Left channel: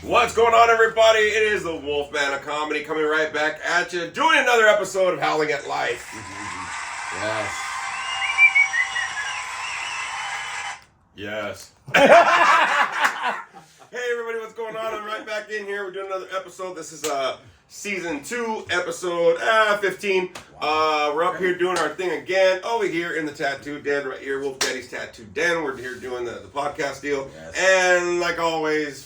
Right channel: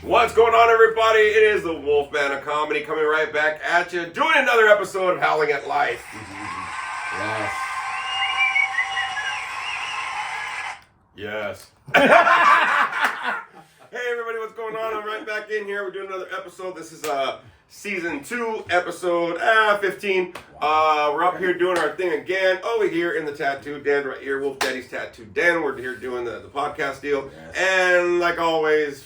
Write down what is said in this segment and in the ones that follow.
What's going on, everybody? It is the Wolfman of Comedy coming right back at you, doing another episode of Howling at Life. Yes. Yes. Hey, everybody, what's going on? I'm right back in here. We're doing another episode. This is season 2, episode 15. We're up here doing our thing again over here in the tattoo den right here, Wolf Daddy's Tattoo Den. We're here doing the podcast deal. Yes. And like always, is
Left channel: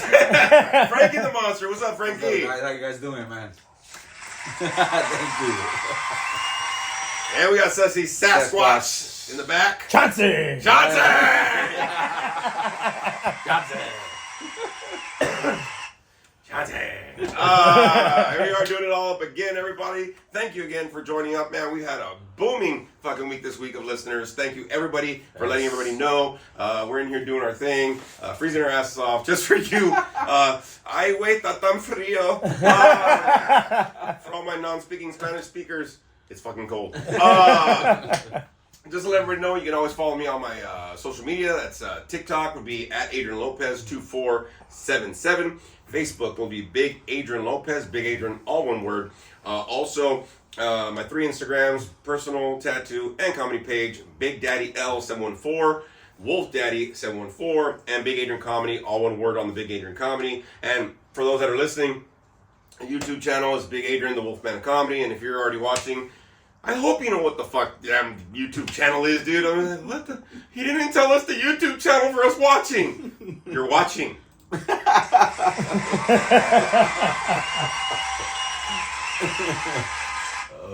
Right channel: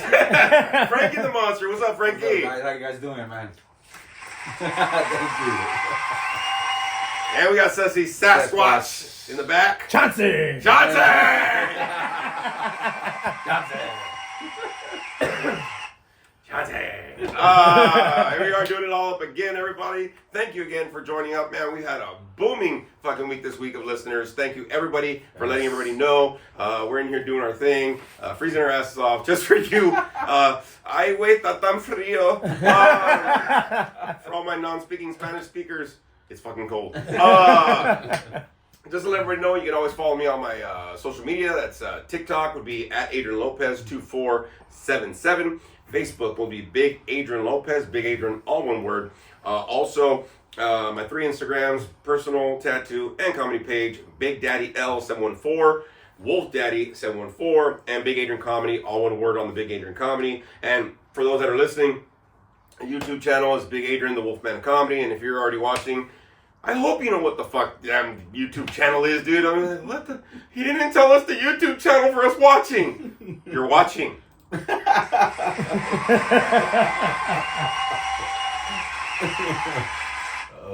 Frankie the Monster. What's up, Frankie? What's up, how you guys doing, man? Thank you. And we got Sussy Sasquatch in the back. Johnson! Johnson! Here we are doing it all up again, everybody. Thank you again for joining up, man. We had a booming fucking week this week of listeners. Thank you, everybody, for letting everybody know. We're in here doing our thing, freezing our asses off just for you. Ay, wait, está tan frío. For all my non-speaking Spanish speakers, it's fucking cold. Just to let everybody know, you can always follow me on my social media. That's TikTok would be at Adrian Lopez 2477. Facebook will be Big Adrian Lopez, Big Adrian, all one word. Also, my 3 Instagrams, personal, tattoo, and comedy page, Big Daddy L714, Wolf Daddy 714, and Big Adrian Comedy, all one word on the Big Adrian Comedy. And for those that are listening, the YouTube channel is Big Adrian, the Wolfman of Comedy. And if you're already watching, I hope you know what the fuck damn YouTube channel is, dude. I mean, what the? He didn't tell us the YouTube channel for us watching. You're watching.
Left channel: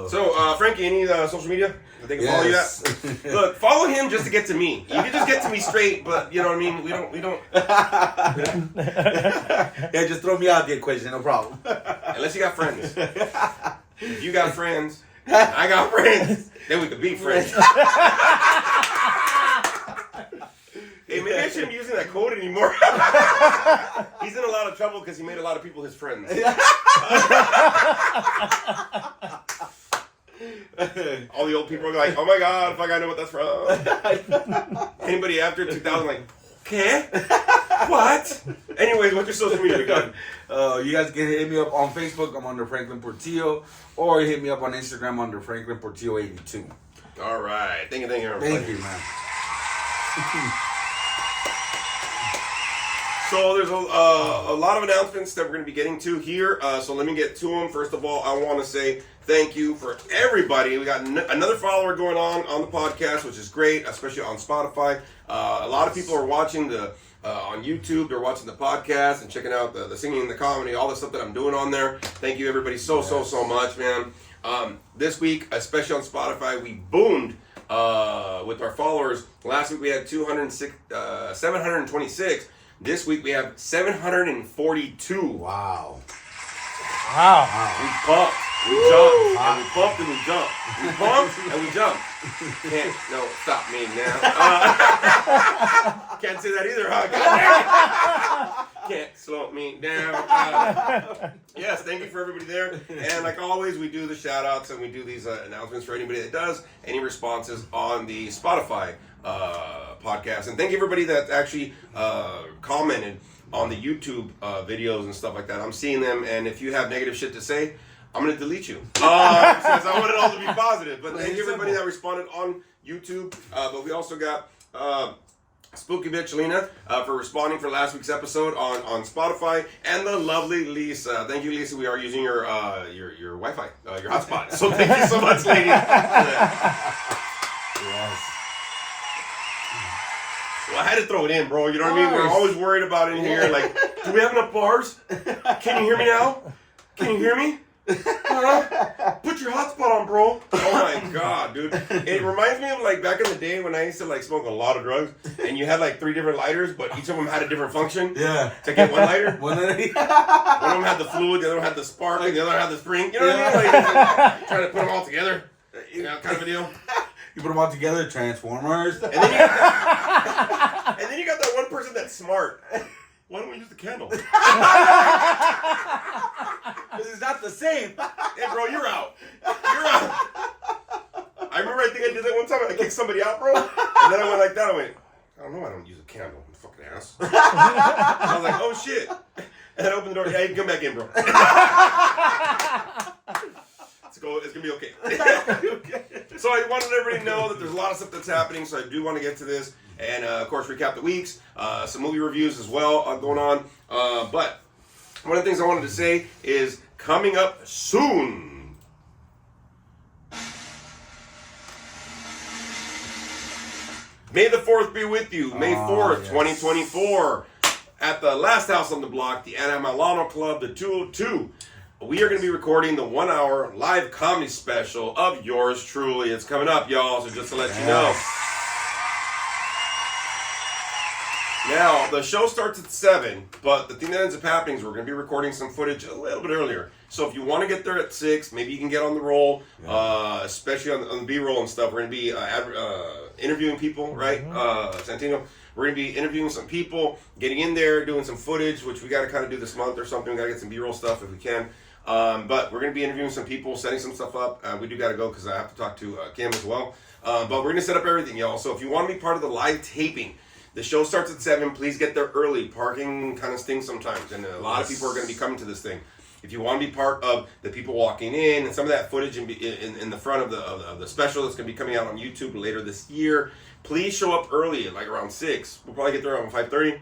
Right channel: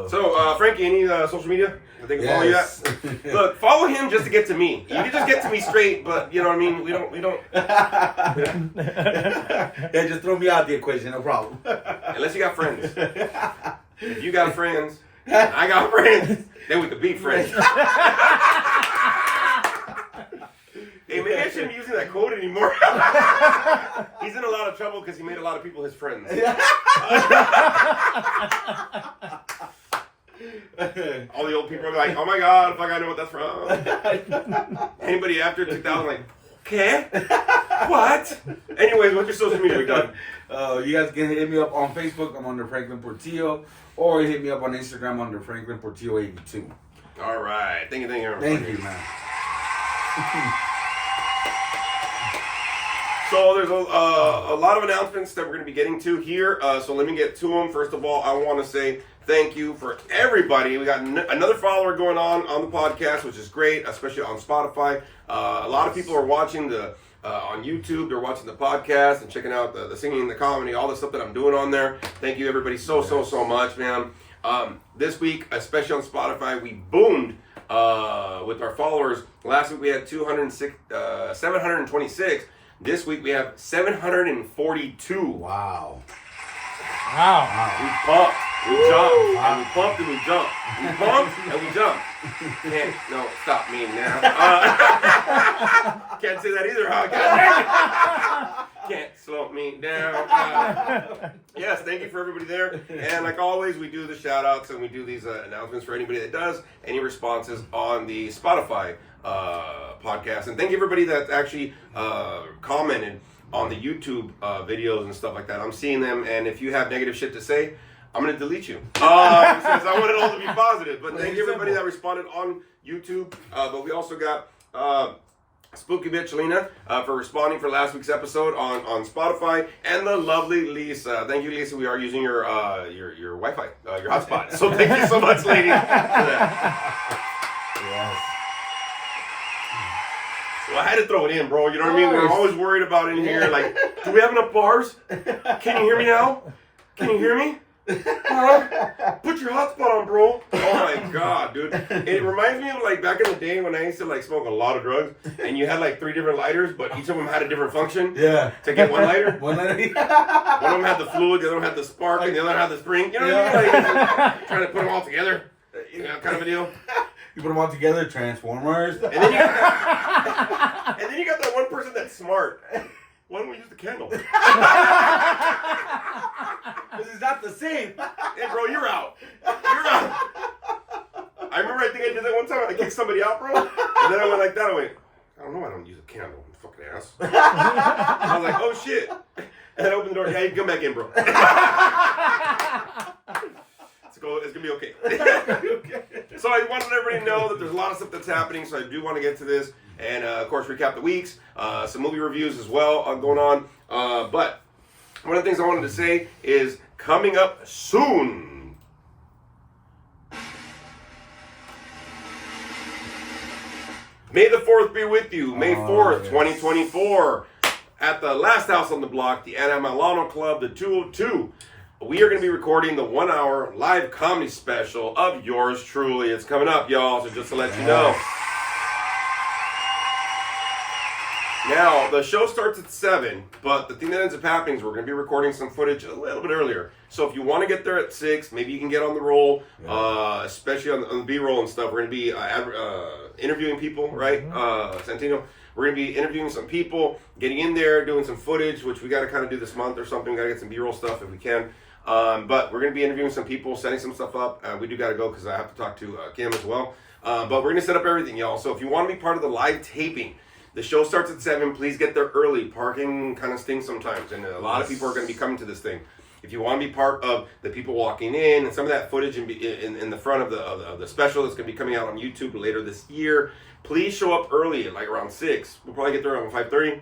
So, Frankie, any social media that they can follow you at? Look, follow him just to get to me. You can just get to me straight, but you know what I mean? We don't. Yeah, just throw me out the equation, no problem. Unless you got friends. If you got friends, and I got friends, then we could be friends. Hey, maybe I shouldn't be using that code anymore. He's in a lot of trouble because he made a lot of people his friends. All the old people are like, oh my God, fuck, I know what that's from. Anybody after 2000 like, okay? What? Anyways, what's your social media? We done. You guys can hit me up on Facebook. I'm under Franklin Portillo. Or hit me up on Instagram under Franklin Portillo 82. All right. Thank you, Thank you, man. So there's a lot of announcements that we're going to be getting to here. So let me get to them. First of all, I want to say thank you for everybody. We got another follower going on the podcast, which is great, especially on Spotify. A lot of people are watching on YouTube. They're watching the podcast and checking out the singing, the comedy, all the stuff that I'm doing on there. Thank you, everybody, so much, man. This week, especially on Spotify, we boomed with our followers. Last week we had 726. This week we have 742. Wow. We pumped. We jumped. And we pumped and we jumped. We pumped and we jumped. No, stop me now. Can't say that either, huh? Can't slow me down. Yes, thank you for everybody there. And like always, we do the shout outs and we do these announcements for anybody that does any responses on the Spotify podcast. And thank you everybody that actually commented on the YouTube videos and stuff like that. I'm seeing them, and if you have negative shit to say, I'm going to delete you. Since I want it all to be positive. But thank you everybody that responded on YouTube. But we also got Spooky Bitch Lena for responding for last week's episode on Spotify, and the lovely Lisa. Thank you, Lisa. We are using your Wi-Fi, your hotspot. So thank you so much, lady. Yes. Well, I had to throw it in, bro. You know what I mean? We're always worried about in here. Like, do we have enough bars? Can you hear me now? Can you hear me? Put your hotspot on, bro. Oh my god, dude. It reminds me of like back in the day when I used to like smoke a lot of drugs and you had like 3 different lighters, but each of them had a different function. Yeah. To get one lighter. One lighter. One of them had the fluid, the other one had the spark, and the other had the spring. You know what I mean? Like trying to put them all together. You know, kind of a deal. You put them all together, Transformers. And then you got that, and then you got that one person that's smart. Why don't we use the candle? This is not the same. Hey, bro, you're out. You're out. I remember I think I did that one time. I kicked somebody out, bro. And then I went like that. I went, I don't know why I don't use a candle. You fucking ass. I was like, oh, shit. And then I opened the door. Yeah, you can come back in, bro. It's going to be okay. So I wanted everybody to know that there's a lot of stuff that's happening. So I do want to get to this. And, of course, recap the weeks. Some movie reviews as well going on. But one of the things I wanted to say is coming up soon. May the 4th be with you. May 4th, 2024. At the last house on the block, the Ana Milano Club, the 202. We are going to be recording the 1-hour live comedy special of yours truly. It's coming up, y'all, so just to let you know. Now, the show starts at 7, but the thing that ends up happening is we're going to be recording some footage a little bit earlier. So if you want to get there at 6, maybe you can get on the roll, especially on the B-roll and stuff. We're going to be interviewing people, right? Santino. We're going to be interviewing some people, getting in there, doing some footage, which we got to kind of do this month or something. We got to get some B-roll stuff if we can. But we're going to be interviewing some people, setting some stuff up. We do got to go because I have to talk to Kim as well. But we're going to set up everything, y'all. So if you want to be part of the live taping, the show starts at 7. Please get there early. Parking kind of stinks sometimes, and a lot of people are going to be coming to this thing. If you want to be part of the people walking in and some of that footage in the front of the special that's going to be coming out on YouTube later this year, please show up early, like around 6. We'll probably get there around 5:30.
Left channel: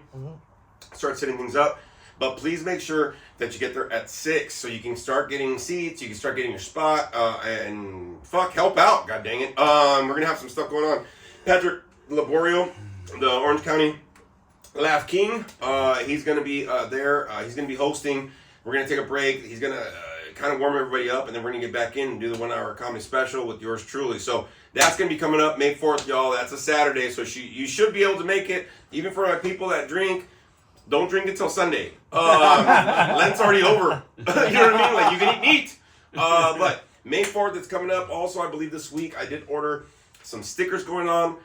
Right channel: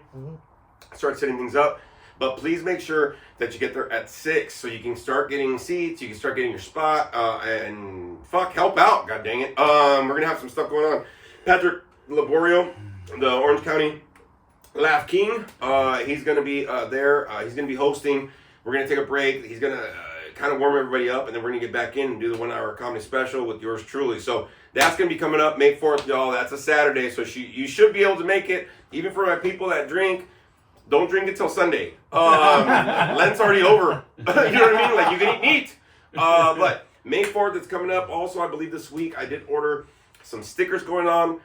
Start setting things up. But please make sure that you get there at 6 so you can start getting seats, you can start getting your spot, and help out, god dang it. We're going to have some stuff going on. Patrick Laborio, the Orange County Laugh King, he's going to be there. He's going to be hosting. We're going to take a break. He's going to kind of warm everybody up, and then we're going to get back in and do the 1-hour comedy special with yours truly. So that's going to be coming up May 4th, y'all. That's a Saturday, so you should be able to make it. Even for my people that drink, don't drink it till Sunday. Lent's already over. You know what I mean? Like, you can eat meat. But May 4th, it's coming up. Also, I believe this week I did order some stickers going on.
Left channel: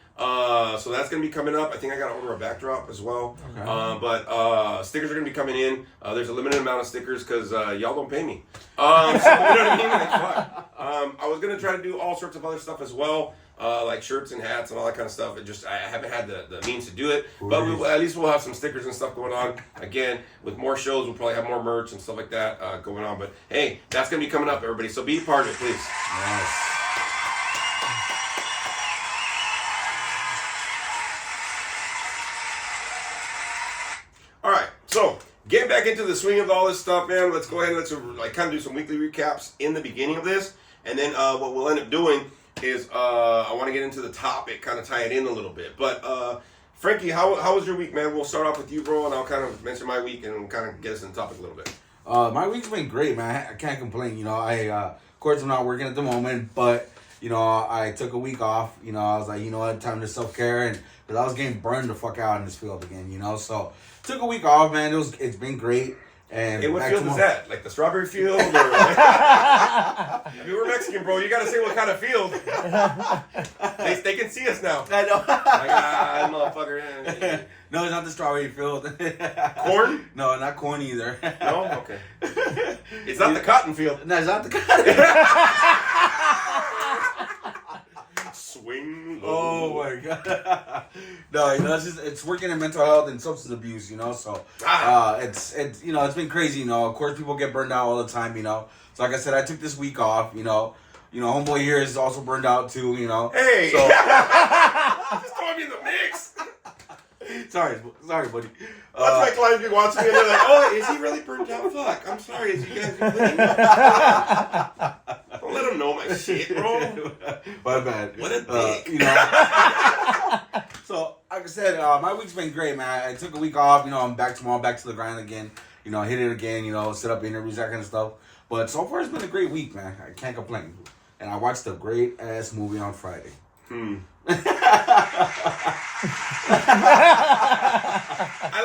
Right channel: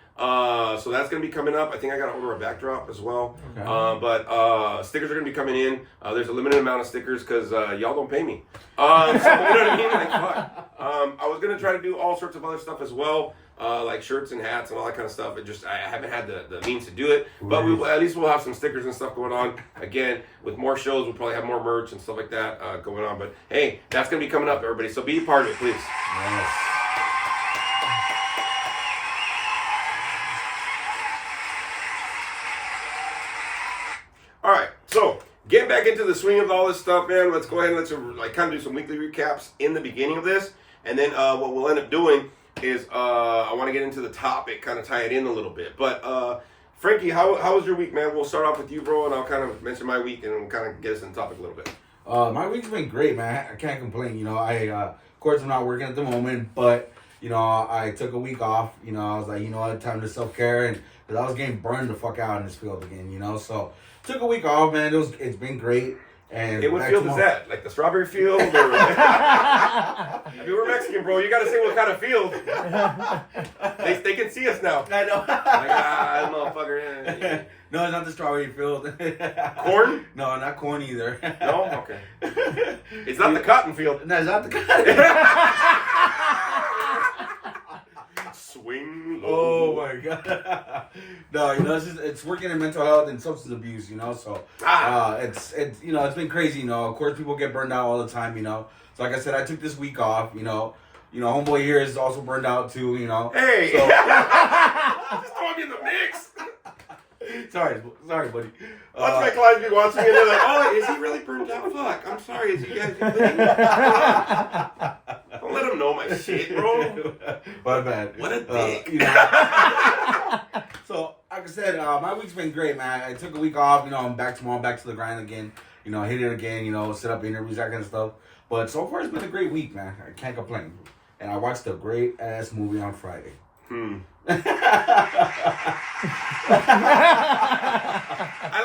So that's going to be coming up. I think I got to order a backdrop as well. Okay. But stickers are going to be coming in. There's a limited amount of stickers because y'all don't pay me. So, you know what I mean? Like, fuck. I was going to try to do all sorts of other stuff as well. Like shirts and hats and all that kind of stuff. I haven't had the means to do it. But at least we'll have some stickers and stuff going on. Again, with more shows, we'll probably have more merch and stuff like that going on. But hey, that's going to be coming up, everybody. So be a part of it, please. Yes. All right, so getting back into the swing of all this stuff, man. Let's go ahead and let's kind of do some weekly recaps in the beginning of this, and then what we'll end up doing is I want to get into the topic, kind of tie it in a little bit. But Frankie, how was your week, man? We'll start off with you, bro, and I'll kind of mention my week and kind of get us in the topic a little bit. My week's been great, man. I can't complain. You know, of course, I'm not working at the moment, but you know, I took a week off. You know, I was like, you know what, time to self-care, and because I was getting burned the fuck out in this field again. You know, so took a week off, man. It's been great. And hey, what field is that? Like the strawberry field? Or I mean, we're Mexican, bro. You got to say what kind of field. They can see us now. I know. Like, motherfucker. No, it's not the strawberry field. Corn? No, not corn either. No? Okay. It's not the cotton field. No, it's not the cotton. Swing low. Oh my god. No, you know, it's working in mental health and substance abuse, you know, so it's you know, it's been crazy, you know. Of course people get burned out all the time, you know. So like I said, I took this week off, you know. You know, homeboy here is also burned out too, you know. Hey, so, just throw me in the mix. Sorry, buddy. Watch my clients be watching me and they're like, oh, is he really burnt out? Fuck, I'm sorry. Is you guys really? Don't let him know my shit, bro. My bad. What a dick. You know. So, like I said, my week's been great, man. I took a week off. You know, I'm back tomorrow, back to the grind again. You know, hit it again. You know, set up interviews, that kind of stuff. But so far, it's been a great week, man. I can't complain. And I watched a great ass movie on Friday. I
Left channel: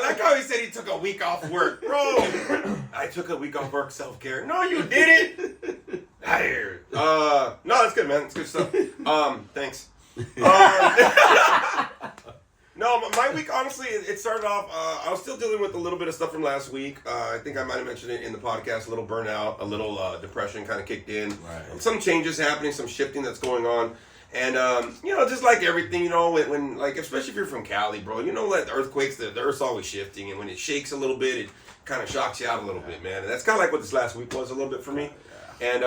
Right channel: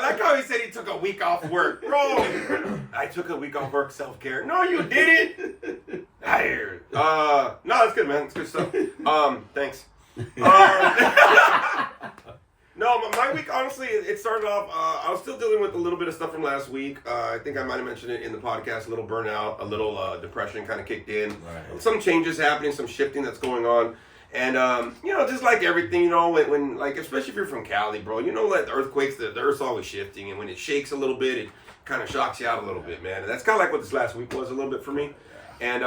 like how he said he took a week off work. Bro, I took a week off work, self-care. No, you didn't. Tired. No, that's good, man. It's good stuff. Thanks. No, my week, honestly, it started off, I was still dealing with a little bit of stuff from last week. I think I might have mentioned it in the podcast, a little burnout, a little depression kind of kicked in. Right. Some changes happening, some shifting that's going on. And, you know, just like everything, you know, when like, especially if you're from Cali, bro, you know, like the earthquakes, the earth's always shifting. And when it shakes a little bit, it kind of shocks you out a little bit, man. And that's kind of like what this last week was a little bit for me. And,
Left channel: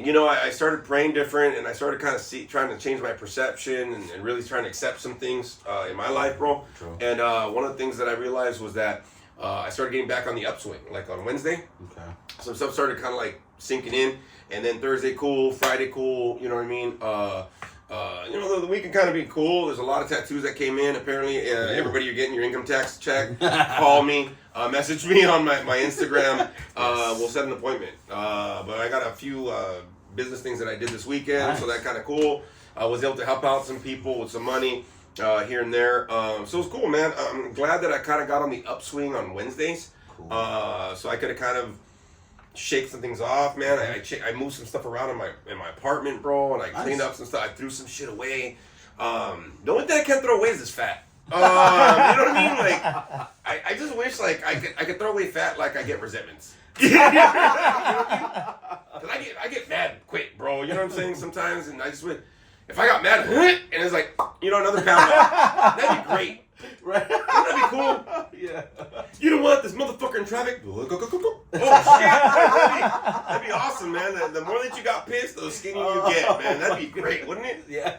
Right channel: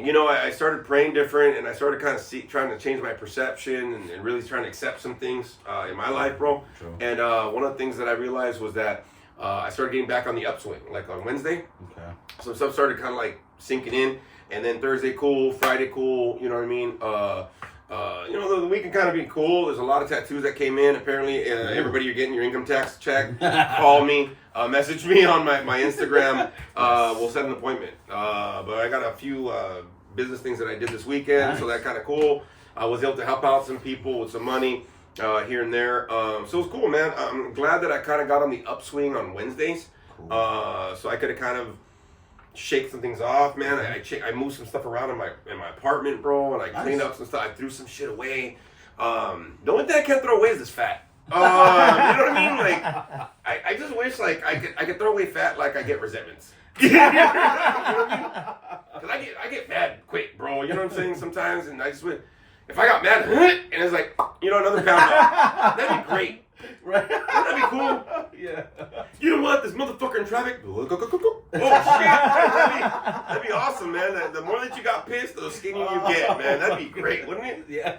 you know, I started praying different, and I started kind of trying to change my perception and really trying to accept some things in my life, bro. True. And one of the things that I realized was that I started getting back on the upswing, like on Wednesday. Okay. Some stuff started kind of like sinking in, and then Thursday cool, Friday cool, you know what I mean? You know, the weekend kind of being cool. There's a lot of tattoos that came in. Apparently, everybody, you're getting your income tax check. Call me, message me on my Instagram. We'll set an appointment. But I got a few business things that I did this weekend, so that kind of cool. I was able to help out some people with some money here and there. So it's cool, man. I'm glad that I kind of got on the upswing on Wednesdays. Cool. So I could have kind of shake some things off, man. I moved some stuff around in my apartment, bro, and I cleaned up some stuff. I threw some shit away. The only thing I can't throw away is this fat. You know what I mean? Like, I just wish like I could throw away fat like I get resentments. You know what I mean? Cause I get mad quick, bro. You know what I'm saying? Sometimes, and I just wish if I got mad and it's like, you know, another pound off, that'd be great. Right. Wouldn't that be cool? Yeah. You know what? This motherfucker in traffic. Oh shit! That'd be awesome, man. The more that you got pissed, the skinnier you get, man. That'd be great, wouldn't it? Yeah.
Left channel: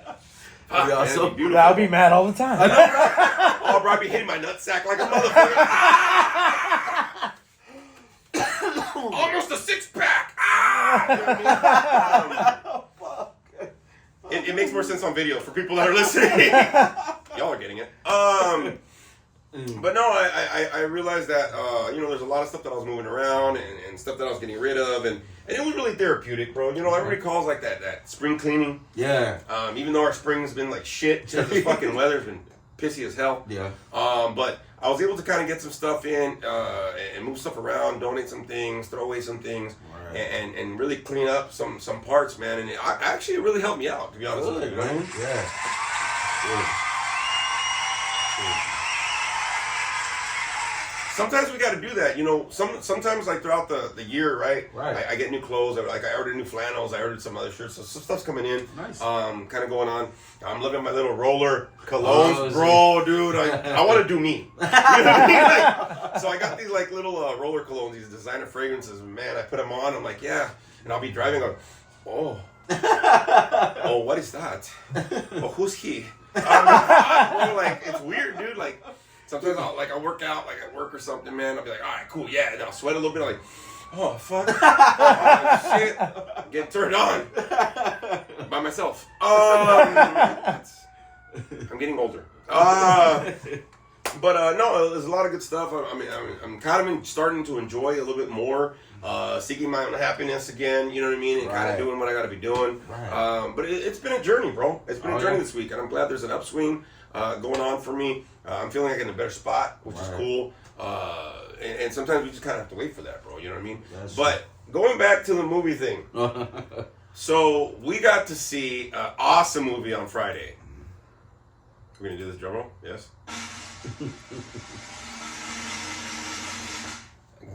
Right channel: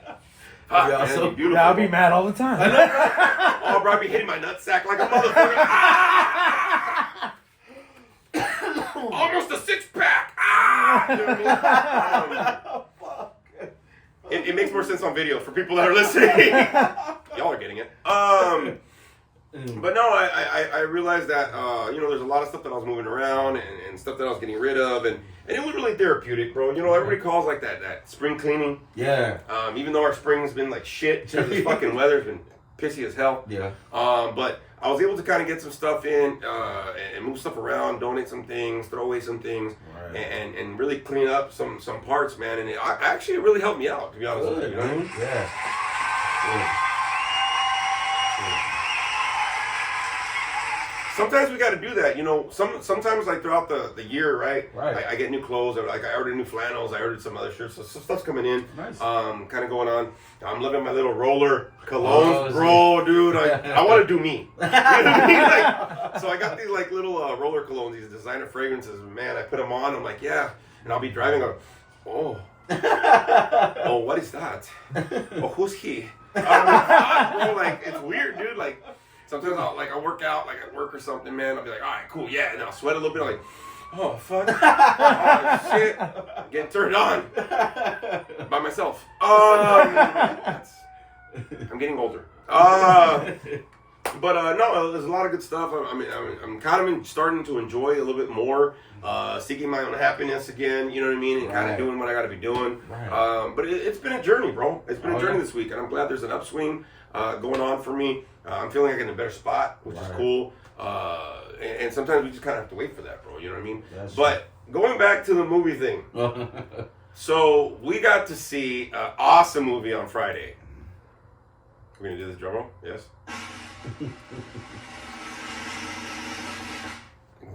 Fuck, man, awesome. that'd be beautiful. I'll be mad all the time. I know, right? Oh, bro, I'd be hitting my nutsack like a motherfucker. Almost a six-pack. You know what I mean? It makes more sense on video for people that are listening. Y'all are getting it. But no, I realized that, you know, there's a lot of stuff that I was moving around and stuff that I was getting rid of. And it was really therapeutic, bro. You know, everybody calls like that spring cleaning. Yeah. Even though our spring's been like shit because this fucking weather's been pissy as hell. Yeah. But I was able to kind of get some stuff in and move stuff around, donate some things, throw away some things, Right. and really clean up some parts, man. And actually it really helped me out, to be honest with you. You know what I mean? Yeah. Sometimes we got to do that, you know. Sometimes like throughout the year, right? Right. I get new clothes. Like I ordered new flannels. I ordered some other shirts. So some stuff's coming in. Nice. Kind of going on. I'm loving my little roller colognes, Oh, bro, dude. I want to do me. You know what I mean? Like, so I got these like little roller colognes, these designer fragrances. Man, I put them on. I'm like, yeah, and I'll be driving. Oh, oh, what is that? Oh, who's he? I'm like, bro, like it's weird, dude. Like. Sometimes I'll work out like at work or something, man. I'll be like, all right, cool, yeah, and I'll sweat a little bit. I'm like, oh fuck, oh shit, getting turned on by myself. I'm getting older. But no, there's a lot of good stuff. I'm kind of starting to enjoy a little bit more, seeking my own happiness again. You know what I mean, and kind of doing what I got to be doing. Right. But it's been a journey, bro. It's been a journey this week, and I'm glad there's an upswing going on for me. I'm feeling like in a better spot, which is cool. And sometimes we just kind of have to wait for that, bro. You know what I mean? But going back to the movie thing, so we got to see an awesome movie on Friday. We're gonna do this drum roll, yes.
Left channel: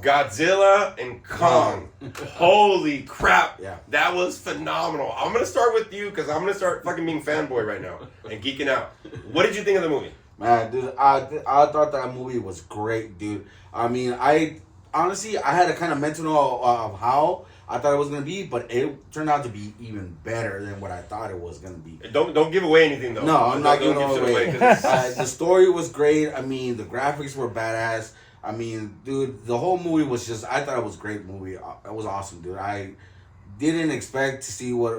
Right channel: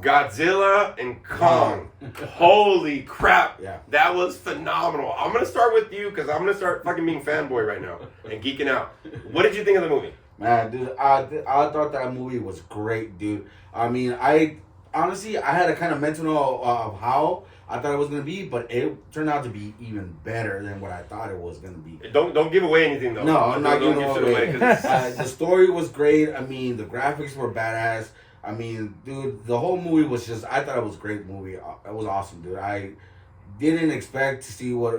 Godzilla and Kong. Holy crap. Yeah. That was phenomenal. I'm going to start with you because I'm going to start fucking being fanboy right now and geeking out. What did you think of the movie? Man, dude, I thought that movie was great, dude. I mean, I honestly had a kind of mental of how I thought it was going to be, but it turned out to be even better than what I thought it was going to be. Don't give away anything, though. No, I'm not giving shit away. Cause The story was great. I mean, the graphics were badass. I mean, dude, the whole movie was just, I thought it was a great movie. It was awesome, dude. I didn't expect to see what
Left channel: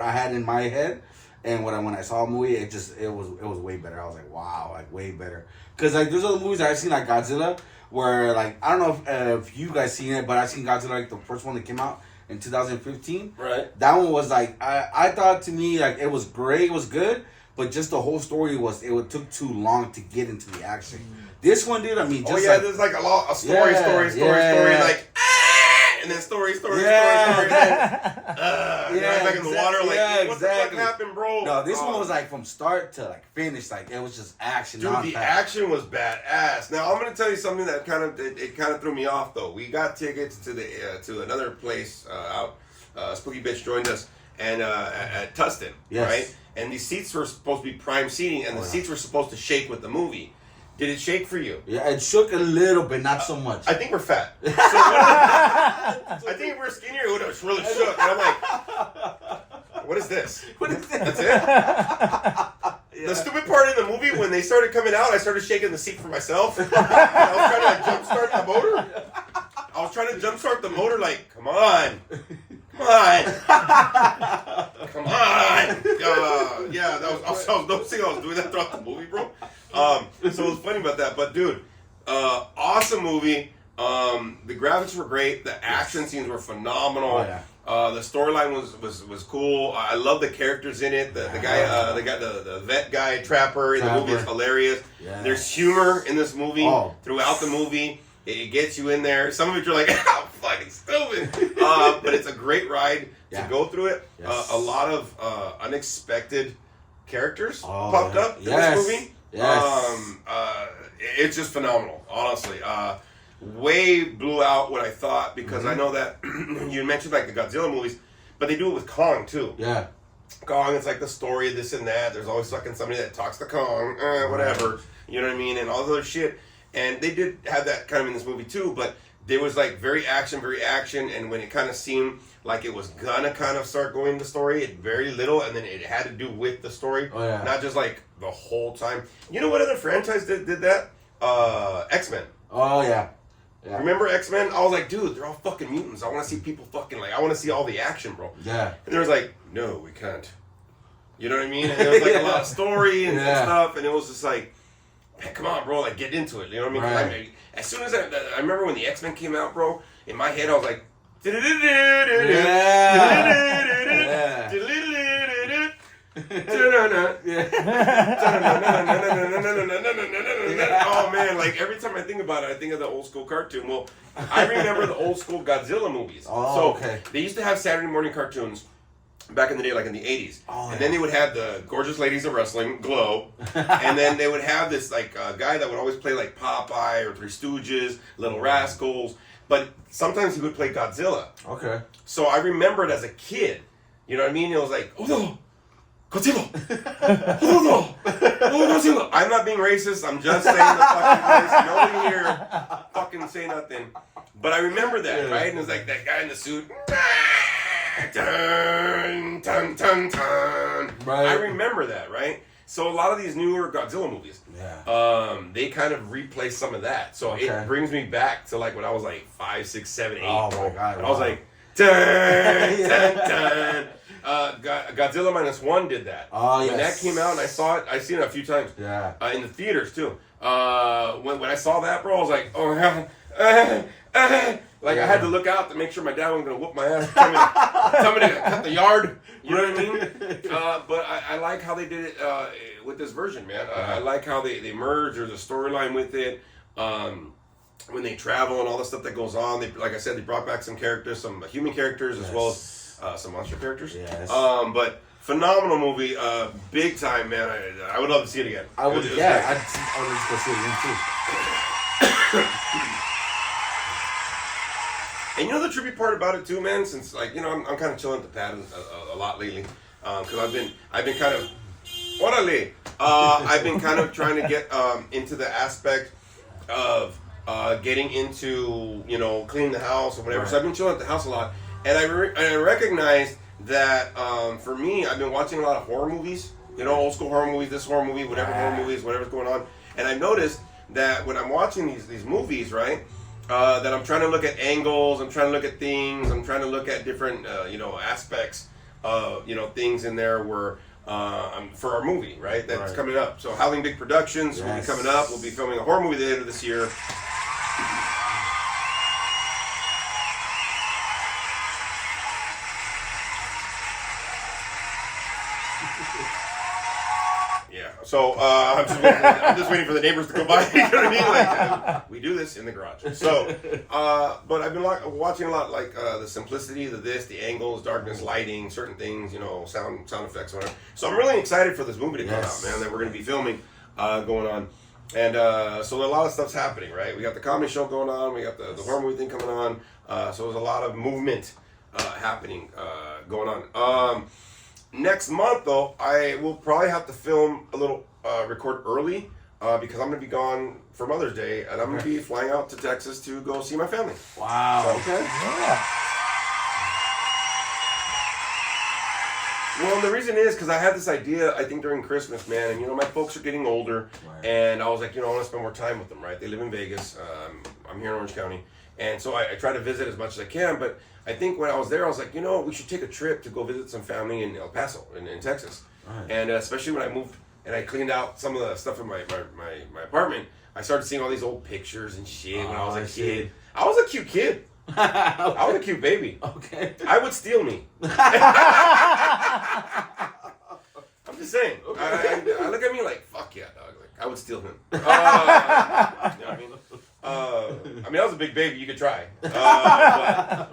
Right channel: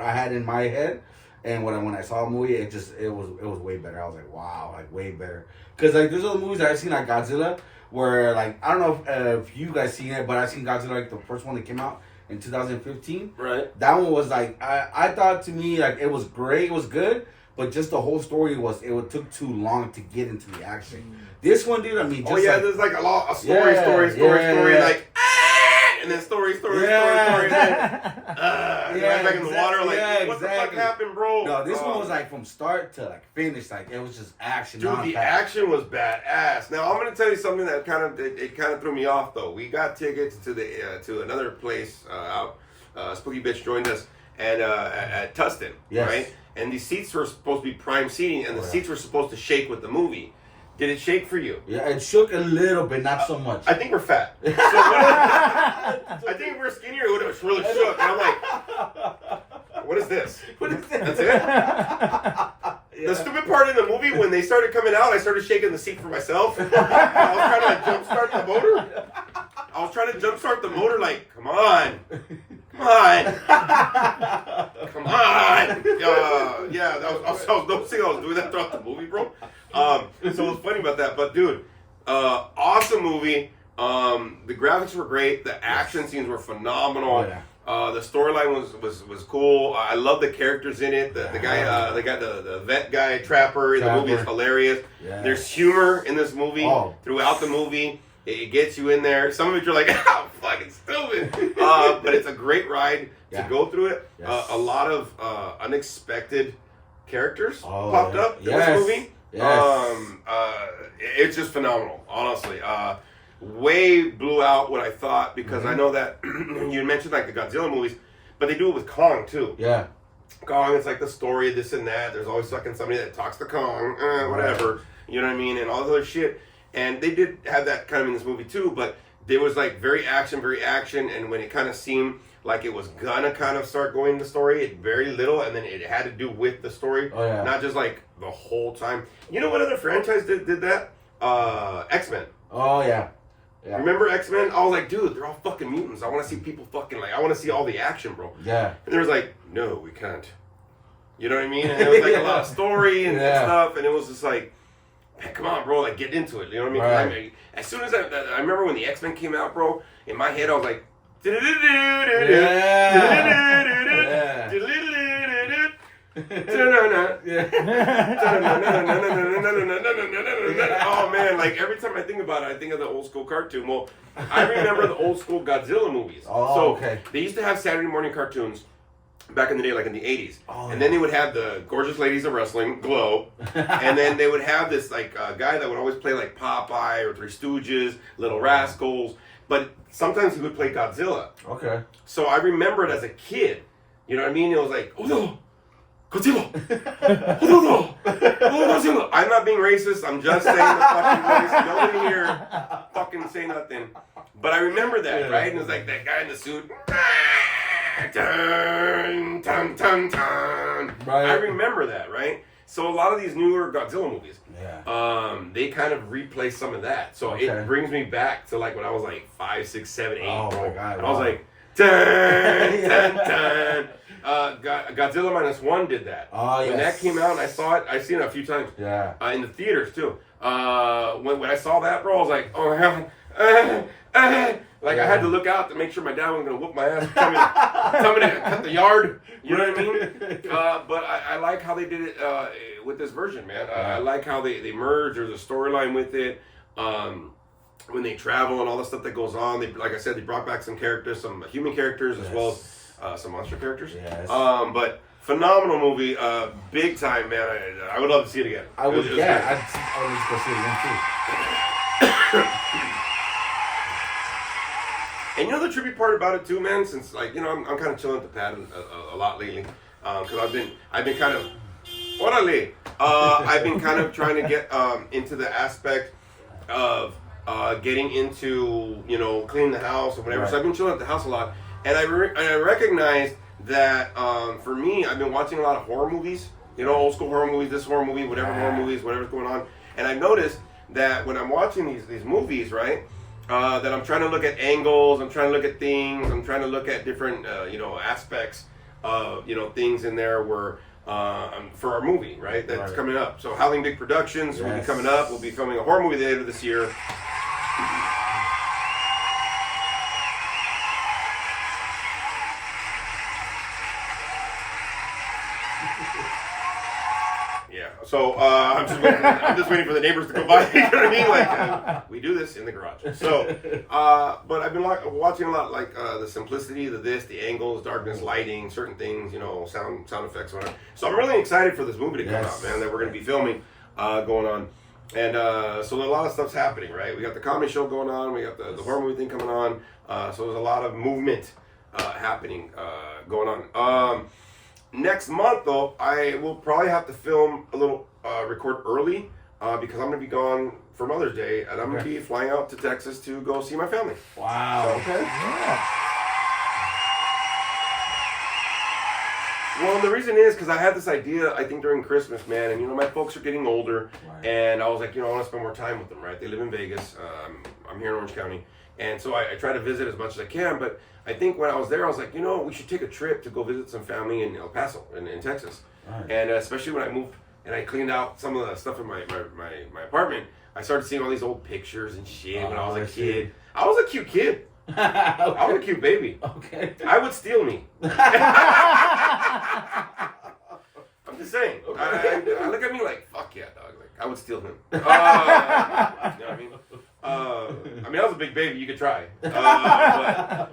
I had in my head. And when I saw a movie, it was way better. I was like, wow, like way better. Cause like there's other movies that I've seen like Godzilla, where like I don't know if you guys seen it, but I've seen Godzilla like the first one that came out in 2015. Right. That one was like I thought, to me, like it was great, it was good, but just the whole story took too long to get into the action. This one, dude, I mean, just there's like a story, like and then story, and then right back in the water, like what the fuck happened, bro? No, this one was like from start to like finish, like it was just action. Dude, the action was badass. Now I'm gonna tell you something that kind of threw me off though. We got tickets to to another place out. Spooky Bitch joined us and at Tustin, right? And these seats were supposed to be prime seating, and the seats were supposed to shake with the movie. Did it shake for you? Yeah, it shook a little bit, not so much. I think we're fat. So I think if we're skinnier, it would have really shook. And I'm like, what is this? What is that? That's it? The stupid part in the movie, when they started coming out, I started shaking the seat for myself. I was trying to like jumpstart the motor. I was trying to jumpstart the motor like, come on. Come on. Come on. Yeah, I was noticing I was doing that throughout the movie, bro. So it was funny about that. But, dude, awesome movie. The graphics were great. The action scenes were phenomenal. Oh, yeah. The storyline was cool. I love the characters in it. The guy, the vet guy, Trapper, in the movie is hilarious. Yes. There's humor in this movie throughout the movie. It gets you in there. Some of it you're like, oh, fucking stupid. But it's a great ride to go through it. Yes. A lot of unexpected characters popped up in this movie. Yes. It's just phenomenal, honestly. Way blew out what I thought, because I know that you mentioned like the Godzilla movies, but they do it with Kong too. Yeah. Kong, it's like the story of this and that. There's always fucking somebody that talks to Kong, whatever. You know what I mean? And all this other shit. And they did have that kind of in this movie too, but there was like very action, and when it kind of seemed like it was gonna kind of start going the story, it very little, and then it had to do with the story, not just like the whole time. You know what other franchise did that? X-Men. Oh yeah. Remember X-Men? I was like, dude, they're all fucking mutants. I want to see people fucking, like, I want to see all the action, bro. Yeah. And there was like, no, we can't. You know what I mean? And there was like a lot of story and stuff, and it was just like, man, come on, bro, like, get into it. You know what I mean? Right. I mean, as soon as I remember when the X-Men came out, bro, in my head I was like, oh man, like every time I think about it, I think of the old school cartoon. Well, I remember the old school Godzilla movies. They used to have Saturday morning cartoons back in the day, like in the 80s. And then they would have the Gorgeous Ladies of Wrestling, Glow. And then they would have this like guy that would always play like Popeye or Three Stooges, Little Rascals. But sometimes he would play Godzilla. Okay. So I remember it as a kid. You know what I mean? It was like, oh no, Godzilla. Oh no, Godzilla. I'm not being racist. I'm just saying the fucking voice. Nobody here fucking say nothing. But I remember that, right? And it was like that guy in the suit. Dun, dun, dun, dun. Right. I remember that, right? So a lot of these newer Godzilla movies, they kind of replay some of that. So it brings me back to like when I was like 5, 6, 7, 8. Oh my God! And I was like, dun, dun, dun. Godzilla -1 did that. When that came out and I saw it, I've seen it a few times. Yeah. In the theaters too. When I saw that, bro, I was like, oh hell. Like I had to look out to make sure my dad wasn't gonna whoop my ass, tell me to cut the yard. You know what I mean? But I like how they did it with this version, man. I like how they merge. There's a storyline with it. When they travel and all the stuff that goes on, like I said, they brought back some characters, some human characters as well as some monster characters. Yes. But phenomenal movie, big time, man. I would love to see it again. I would. I'd just go see it again too. And you know the trippy part about it too, man. Since like I'm kind of chilling at the pad a lot lately, because I've been kind of, I've been kind of trying to get into the aspect of getting into cleaning the house or whatever. Right. So I've been chilling at the house a lot, and I recognized that for me, I've been watching a lot of horror movies. Old school horror movies, this horror movie, whatever horror movies, whatever's going on. And I noticed that when I'm watching these movies, right. That I'm trying to look at angles, I'm trying to look at things, I'm trying to look at different, aspects of, things in there where for our movie, right? That's coming up. So Howling Dick Productions will be coming up. We'll be filming a horror movie later this year. Yeah. So I'm just waiting for the neighbors to go by. You know what I mean? Like we do this in the garage. So, but I've been watching a lot, like the simplicity, the angles, darkness, lighting, certain things, you know, sound effects, whatever. So I'm really excited for this movie to come out, man. That we're going to be filming, going on, and so a lot of stuff's happening, right? We got the comedy show going on, we got the horror movie thing coming on. So there's a lot of movement happening, going on. Next month, though, I will probably have to film a little, record early, because I'm going to be gone for Mother's Day, and I'm going to be flying out to Texas to go see my family. Wow. So, okay. Yeah. Well, the reason is because I had this idea, I think, during Christmas, man, and, you know, my folks are getting older, and I was like, you know, I want to spend more time with them, right? They live in Vegas. I'm here in Orange County, and so I try to visit as much as I can, but I think when I was there, I was like, you know, we should take a trip to go visit some family in El Paso, in Texas. Right. And especially when I moved and I cleaned out some of the stuff in my apartment, I started seeing all these old pictures and shit when I was a kid. I was a cute kid. I was a cute baby. Okay. I would steal me. I'm just saying. Okay. I look at me like, fuck yeah, dog. Like, I would steal him. You know what I mean? I mean, I was a big baby. You could try. But I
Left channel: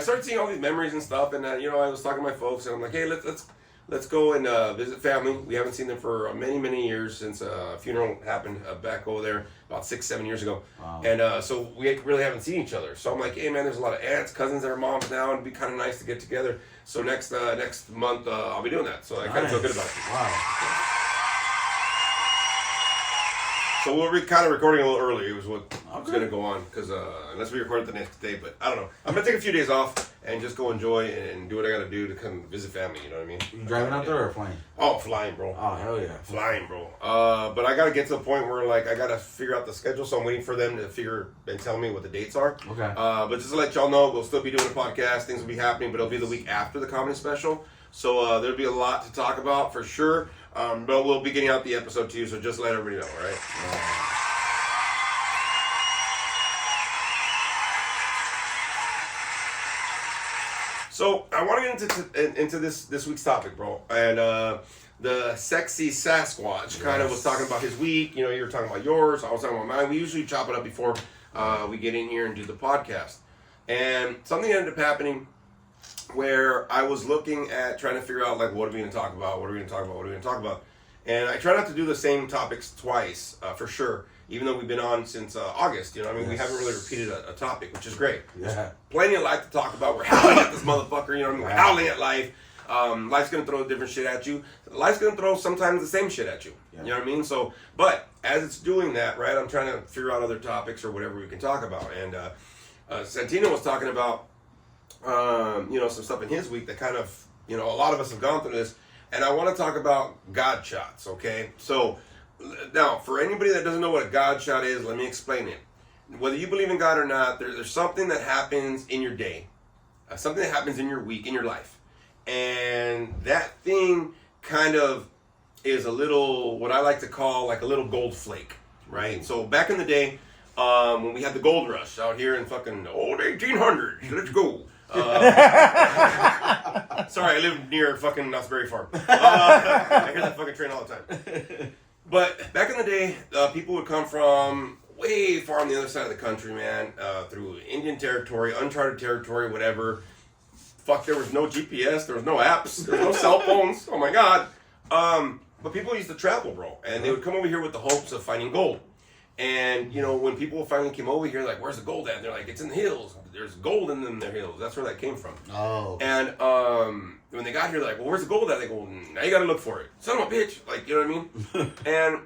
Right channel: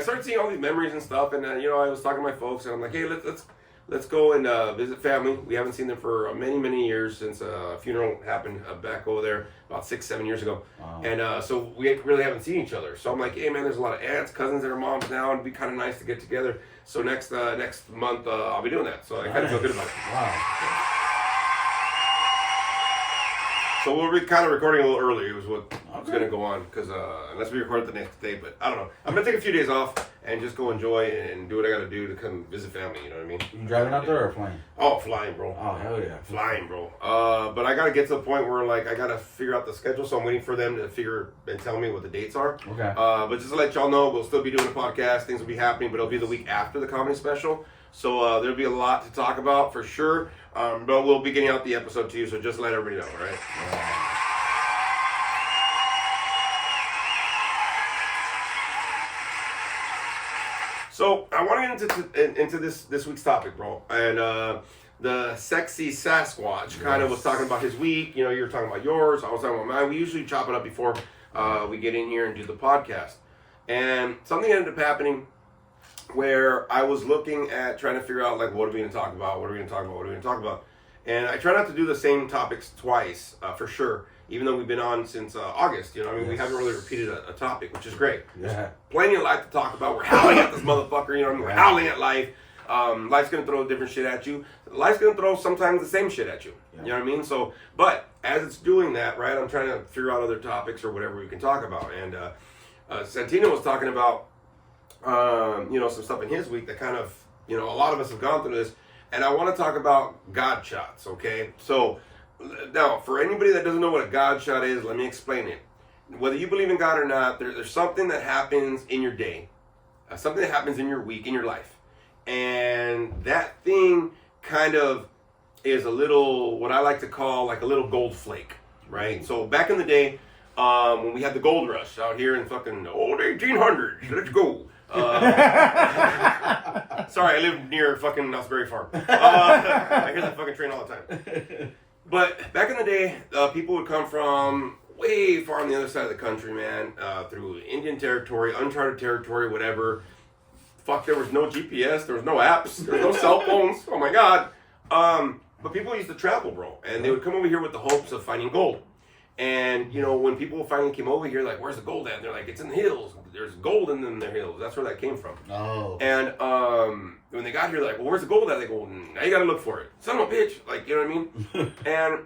started seeing all these memories and stuff, and you know, I was talking to my folks, and I'm like, hey, let's go and visit family. We haven't seen them for many years since a funeral happened back over there about 6-7 years ago. Wow. And so we really haven't seen each other. So I'm like, hey man, there's a lot of aunts, cousins that are moms now, and it'd be kind of nice to get together. So next month I'll be doing that. So I kind of feel good about it. Wow. So we'll be kind of recording a little early. It was what's going to go on, because unless we record it the next day. But I don't know. I'm going to take a few days off and just go enjoy and do what I got to do to come visit family. You know what I mean? You driving up there or flying? Oh, flying, bro. Oh, hell yeah. Flying, bro. But I got to get to the point where, like, I got to figure out the schedule. So I'm waiting for them to figure and tell me what the dates are. Okay. But just to let y'all know, we'll still be doing a podcast. Things will be happening, but it'll be the week after the comedy special. So there'll be a lot to talk about for sure. But we'll be getting out the episode to you. So just let everybody know, all right? So I want to get into this week's topic, bro, and the sexy Sasquatch kind of was talking about his week. You know, you were talking about yours. I was talking about mine. We usually chop it up before we get in here and do the podcast. And something ended up happening where I was looking at trying to figure out, like, what are we going to talk about? What are we going to talk about? What are we going to talk about? And I try not to do the same topics twice, for sure, even though we've been on since August. You know, I mean, we haven't really repeated a topic, which is great. Yeah. There's plenty of life to talk about. We're howling at this motherfucker, you know what I mean? We're howling at life. Life's going to throw different shit at you. Life's going to throw sometimes the same shit at you. Yeah. You know what I mean? So, but as it's doing that, right, I'm trying to figure out other topics or whatever we can talk about. And Santino was talking about, you know, some stuff in his week that kind of, you know, a lot of us have gone through this. And I want to talk about God shots, okay? So, now, for anybody that doesn't know what a God shot is, let me explain it. Whether you believe in God or not, there's something that happens in your day, something that happens in your week, in your life. And that thing kind of is a little, what I like to call like a little gold flake, right? So back in the day, when we had the gold rush out here in fucking old 1800s, let's go. Sorry, I live near fucking Knott's Farm. I hear that fucking train all the time. But back in the day, people would come from way far on the other side of the country, man, through Indian territory, uncharted territory, whatever. Fuck, there was no GPS, there was no apps, there was no cell phones. Oh my God. But people used to travel, bro, and they would come over here with the hopes of finding gold. And, you know, when people finally came over here, like, where's the gold at? And they're like, it's in the hills. There's gold in them, their hills. That's where that came from. Oh. And when they got here, they're like, well, where's the gold at? They go, now you got to look for it. Son of a bitch. Like, you know what I mean? And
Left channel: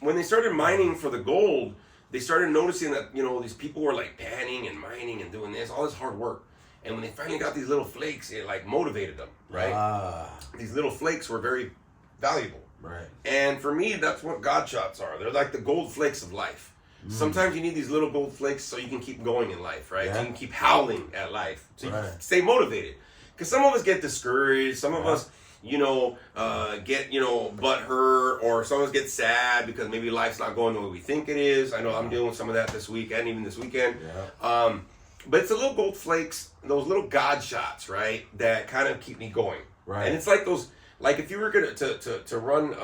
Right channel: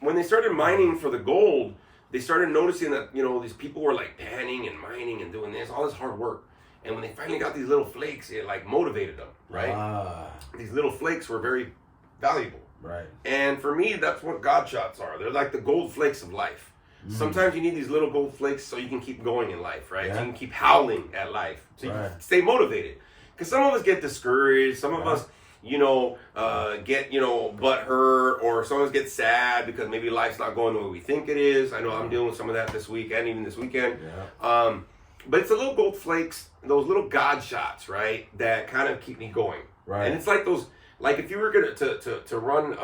when they started mining for the gold, they started noticing that, you know, these people were, like, panning and mining and doing this, all this hard work. And when they finally got these little flakes, it, like, motivated them, right? These little flakes were very valuable. Right. And for me, that's what God shots are. They're like the gold flakes of life. Sometimes you need these little gold flakes so you can keep going in life, right? So you can keep howling at life. So you can stay motivated. Because some of us get discouraged. Some of us, get, butt hurt, or sometimes get sad because maybe life's not going the way we think it is. I know I'm dealing with some of that this week and even this weekend. Yeah. But it's the little gold flakes, those little God shots, right, that kind of keep me going. Right. And it's like those, like if you were gonna to run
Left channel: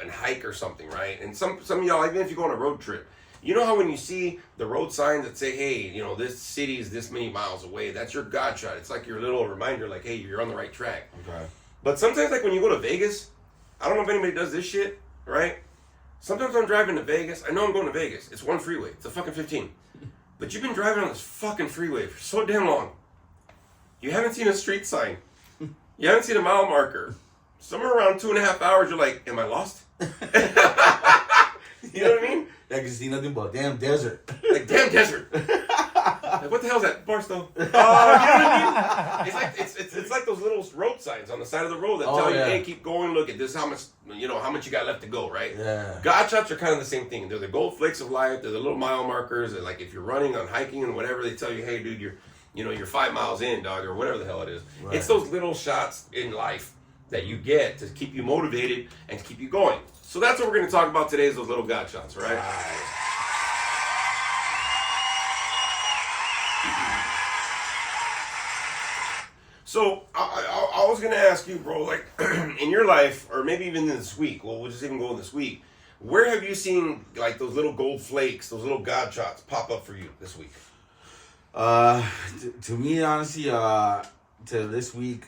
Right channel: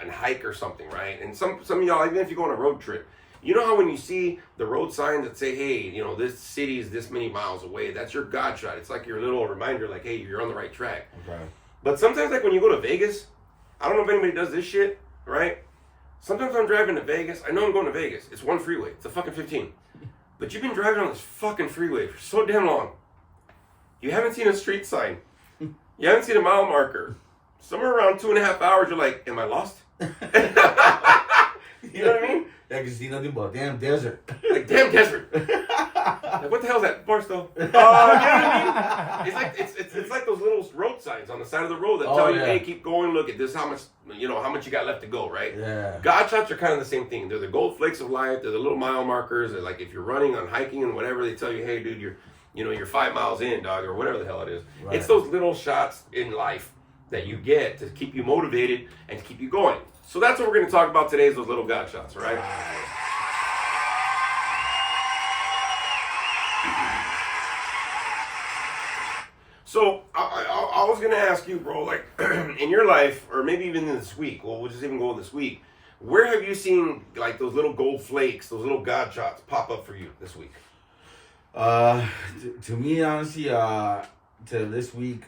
and hike or something, right? And some of y'all, even if you go on a road trip, you know how when you see the road signs that say, hey, this city is this many miles away, that's your God shot. It's like your little reminder, like, hey, you're on the right track. Okay. But sometimes, like when you go to Vegas, I don't know if anybody does this shit, right? Sometimes I'm driving to Vegas. I know I'm going to Vegas. It's one freeway. It's a fucking 15. But you've been driving on this fucking freeway for so damn long. You haven't seen a street sign. You haven't seen a mile marker. Somewhere around 2.5 hours, you're like, am I lost? You know what I mean? I can see nothing but damn desert. Like, damn desert. Like, what the hell is that? Barstow? You know what I mean? It's like it's like those little road signs on the side of the road that tell you, hey, keep going. Look at this. How much you got left to go, right? Yeah. God shots are kind of the same thing. They're the gold flakes of life. They're the little mile markers. They're like if you're running on hiking and whatever, they tell you, hey, dude, you're 5 miles in, dog, or whatever the hell it is. Right. It's those little shots in life that you get to keep you motivated and to keep you going. So that's what we're going to talk about today is those little God shots, all right? So I was going to ask you, bro, like in your life, or maybe even this week, well, we'll just even go this week, where have you seen like those little gold flakes, those little God shots pop up for you this week? To me, honestly, to this week,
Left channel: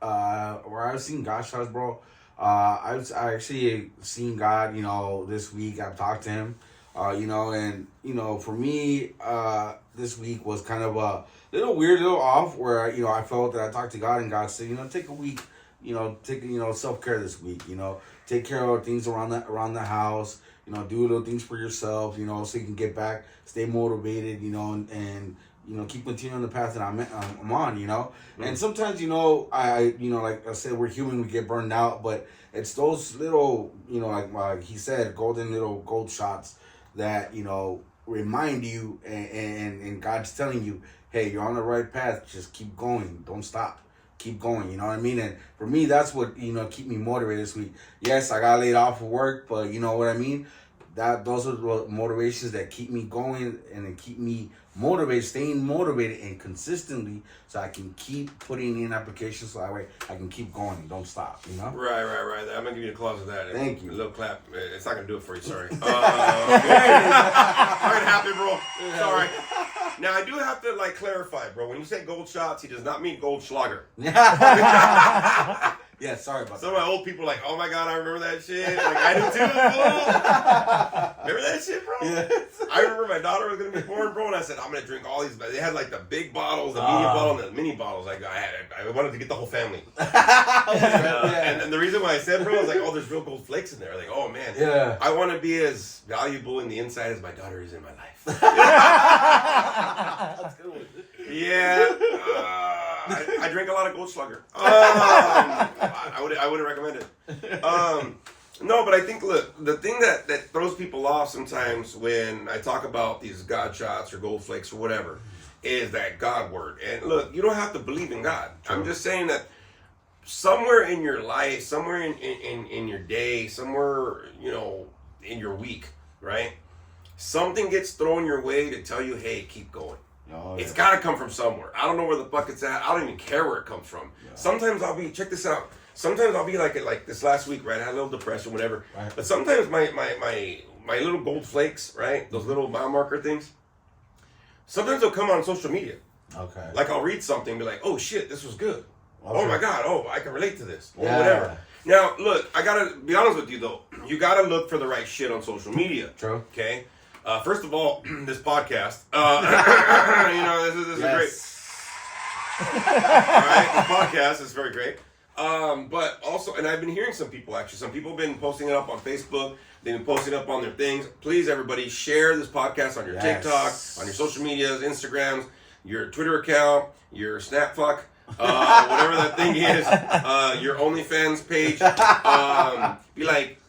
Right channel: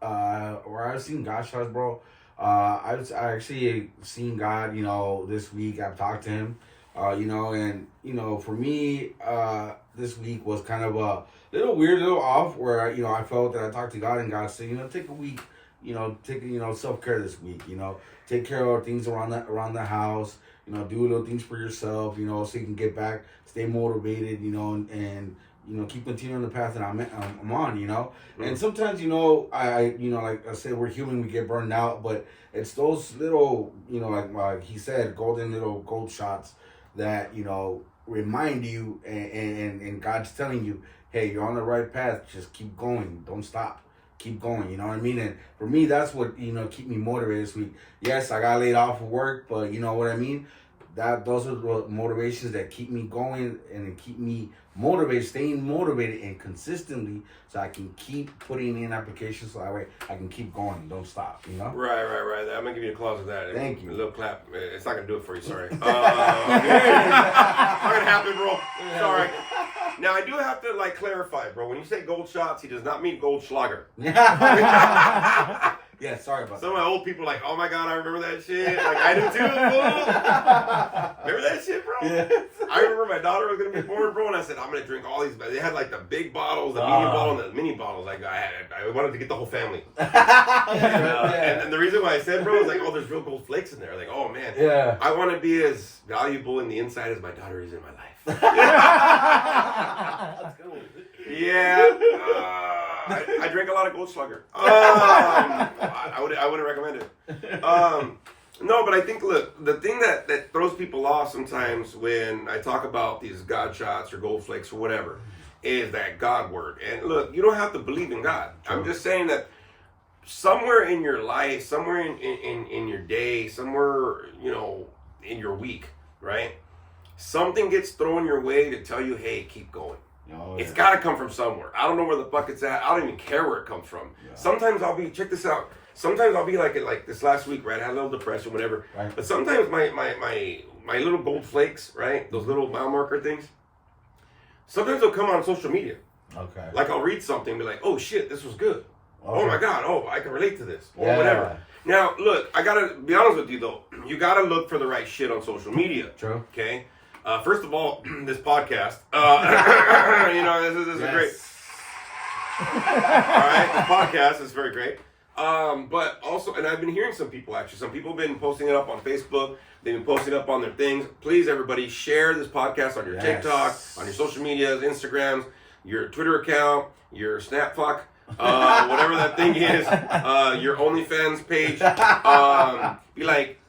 where I've seen God shots, bro, I actually seen God, this week. I've talked to him, and, for me, this week was kind of a little weird, little off where, I felt that I talked to God and God said, take a week, take, self-care this week, take care of things around the house, do little things for yourself, so you can get back, stay motivated, and keep continuing the path that I'm on, Mm-hmm. And sometimes, I like I said, we're human, we get burned out, but it's those little, like he said, little gold shots that, remind you and God's telling you, hey, you're on the right path, just keep going, don't stop. Keep going, you know what I mean? And for me, that's what, keep me motivated this week. Yes, I got laid off of work, but you know what I mean? Those are the motivations that keep me going and keep me motivated, staying motivated and consistently so I can keep putting in applications so that way I can keep going, don't stop, Right. I'm going to give you a clause of that. Thank you. A little clap. It's not going to do it for you, sorry. Not going to happen, bro. Sorry. Now, I do have to, clarify, bro. When you say gold shots, he does not mean gold schlager. Yeah, sorry about Some that. of my old people are like, oh my God, I remember that shit. Like, I do too, bro. Remember that shit, bro? Yeah. I remember my daughter was going to be born, bro, and I said, I'm going to drink all these. They had, the big bottles, the medium bottle, and the mini bottles. I wanted to get the whole family. And the reason why I said, bro, I was like, oh, there's real gold flakes in there. Like, oh, man. Yeah. I want to be as valuable in the inside as my daughter is in my life. Yeah. I drink a lot of Goldschlager. I wouldn't recommend it. No, but I think, look, the thing that throws people off sometimes when I talk about these God shots or gold flakes or whatever is that God word. And look, you don't have to believe in God. True. I'm just saying that somewhere in your life, somewhere in your day, somewhere, in your week, right? Something gets thrown your way to tell you, hey, keep going. Oh, yeah. It's got to come from somewhere. I don't know where the fuck it's at. I don't even care where it comes from. Yeah. Sometimes check this out. Sometimes I'll be like this last week, right? I had a little depression, whatever. Right. But sometimes my little gold flakes, right? Those little mile marker things, sometimes they'll come on social media. Okay. Like I'll read something and be like, oh shit, this was good. Okay. Oh my God, I can relate to this. Or whatever. Now, look, I got to be honest with you though. You got to look for the right shit on social media. True. Okay? First of all, this podcast, this is great. All right, this podcast is very great. But also, and I've been hearing some people have been posting it up on Facebook. They've been posting it up on their things. Please, everybody, share this podcast on your TikTok, on your social medias, Instagrams, your Twitter account, your Snapfuck, whatever that thing is, your OnlyFans page. Be like,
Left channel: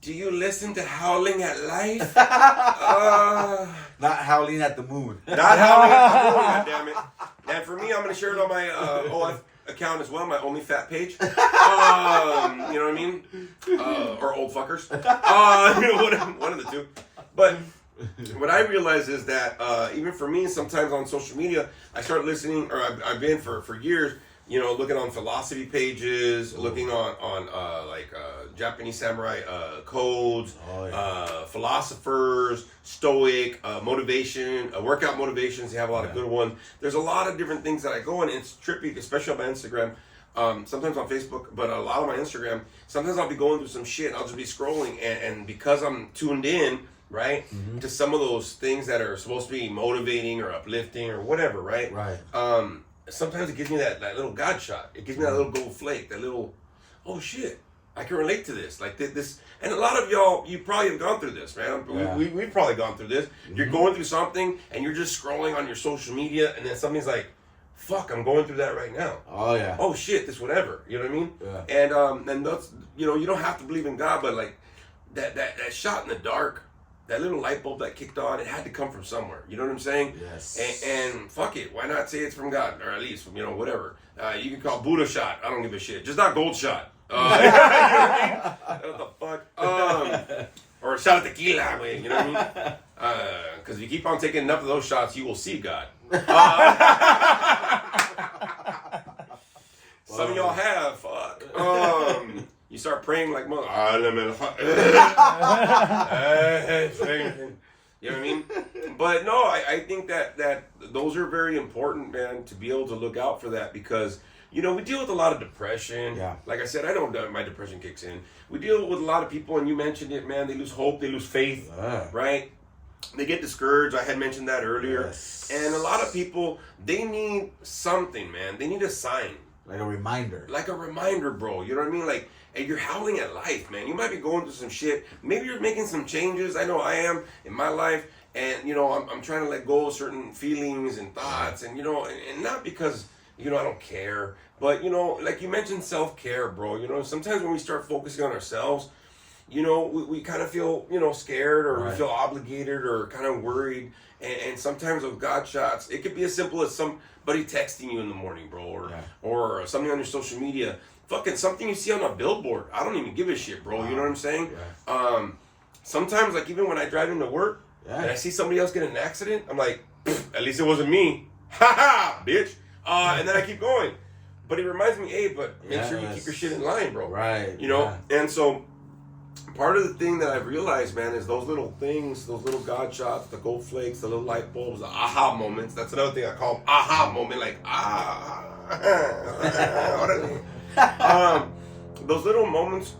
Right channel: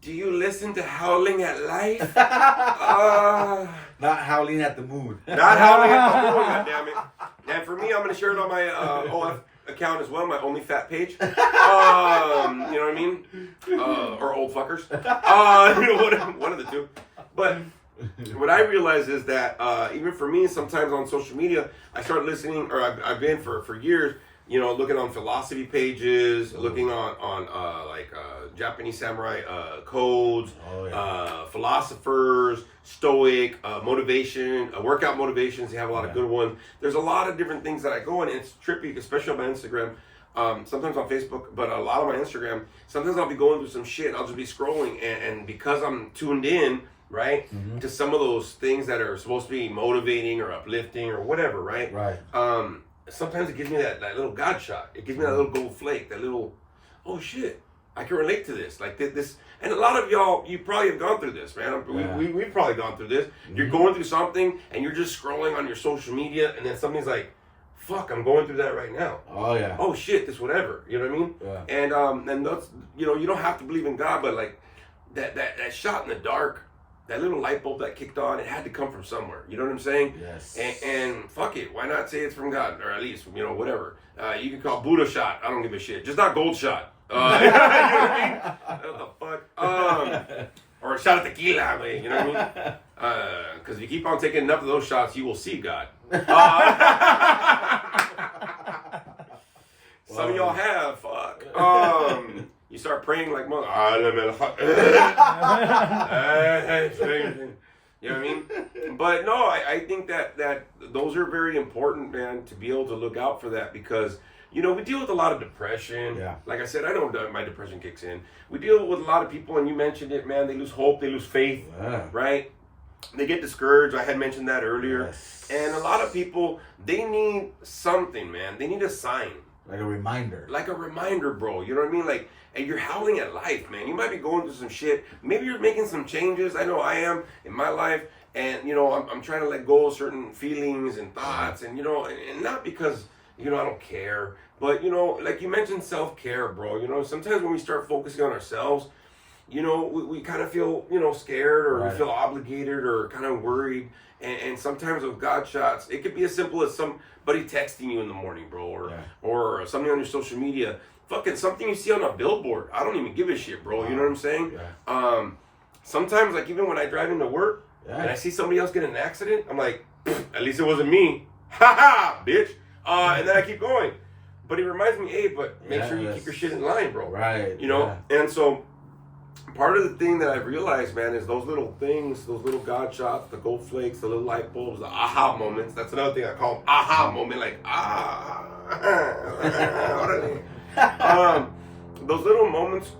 do you listen to Howling at Life? Not howling at the moon. Not howling at the moon, goddammit. And for me, I'm going to share it on my account as well, my only fat page. You know what I mean? Or old fuckers. One of the two. But what I realize is that even for me, sometimes on social media, I start listening, or I've been for years, you know, looking on philosophy pages, looking on Japanese samurai codes, philosophers, stoic, motivation, workout motivations. They have a lot of good ones. There's a lot of different things that I go in, and it's trippy, especially on my Instagram. Sometimes on Facebook, but a lot of my Instagram, sometimes I'll be going through some shit and I'll just be scrolling, and because I'm tuned in, right, to some of those things that are supposed to be motivating or uplifting or whatever, right? Sometimes it gives me that little God shot. It gives me that little gold flake, that little, oh shit, I can relate to this. Like this, and a lot of y'all, you probably have gone through this, man. We've probably gone through this. You're going through something and you're just scrolling on your social media, and then something's like, fuck, I'm going through that right now. Oh yeah. Oh shit, this whatever. You know what I mean? Yeah. And that's, you know, you don't have to believe in God, but like that shot in the dark, that little light bulb that kicked on, it had to come from somewhere. You know what I'm saying? Yes. And fuck it, why not say it's from God, or at least, you know, whatever. You can call Buddha shot. I don't give a shit. Just not gold shot. You know what I mean? What the fuck? Or a shot of tequila, man. You know what I mean? Because if you keep on taking enough of those shots, you will see God. Some of y'all have. Fuck. You start praying like mother. You know what I mean? But no, I think that those are very important, man, to be able to look out for that, because, you know, we deal with a lot of depression. Yeah. Like I said, I know that my depression kicks in. We deal with a lot of people, and you mentioned it, man, they lose hope, they lose faith, right? They get discouraged. I had mentioned that earlier. Yes. And a lot of people, they need something, man. They need a sign. Like a reminder. Like a reminder, bro. You know what I mean? Like, and you're howling at life, man. You might be going through some shit. Maybe you're making some changes. I know I am in my life. And, you know, I'm trying to let go of certain feelings and thoughts. And, you know, and not because, you know, I don't care. But, you know, like you mentioned self-care, bro. You know, sometimes when we start focusing on ourselves, you know, we kind of feel, you know, scared, or we feel obligated, or kind of worried. And sometimes with God shots, it could be as simple as somebody texting you in the morning, bro, or something on your social media. Fucking something you see on a billboard. I don't even give a shit, bro. You know what I'm saying? Yeah. Sometimes, like, even when I drive into work and I see somebody else get in an accident, I'm like, at least it wasn't me. Ha ha, bitch. And then I keep going. But it reminds me, hey, but make sure you keep your shit in line, bro. Right. You know? Yeah. And so part of the thing that I've realized, man, is those little things, those little God shots, the gold flakes, the little light bulbs, the aha moments. That's another thing I call them, aha moment, like, those little moments,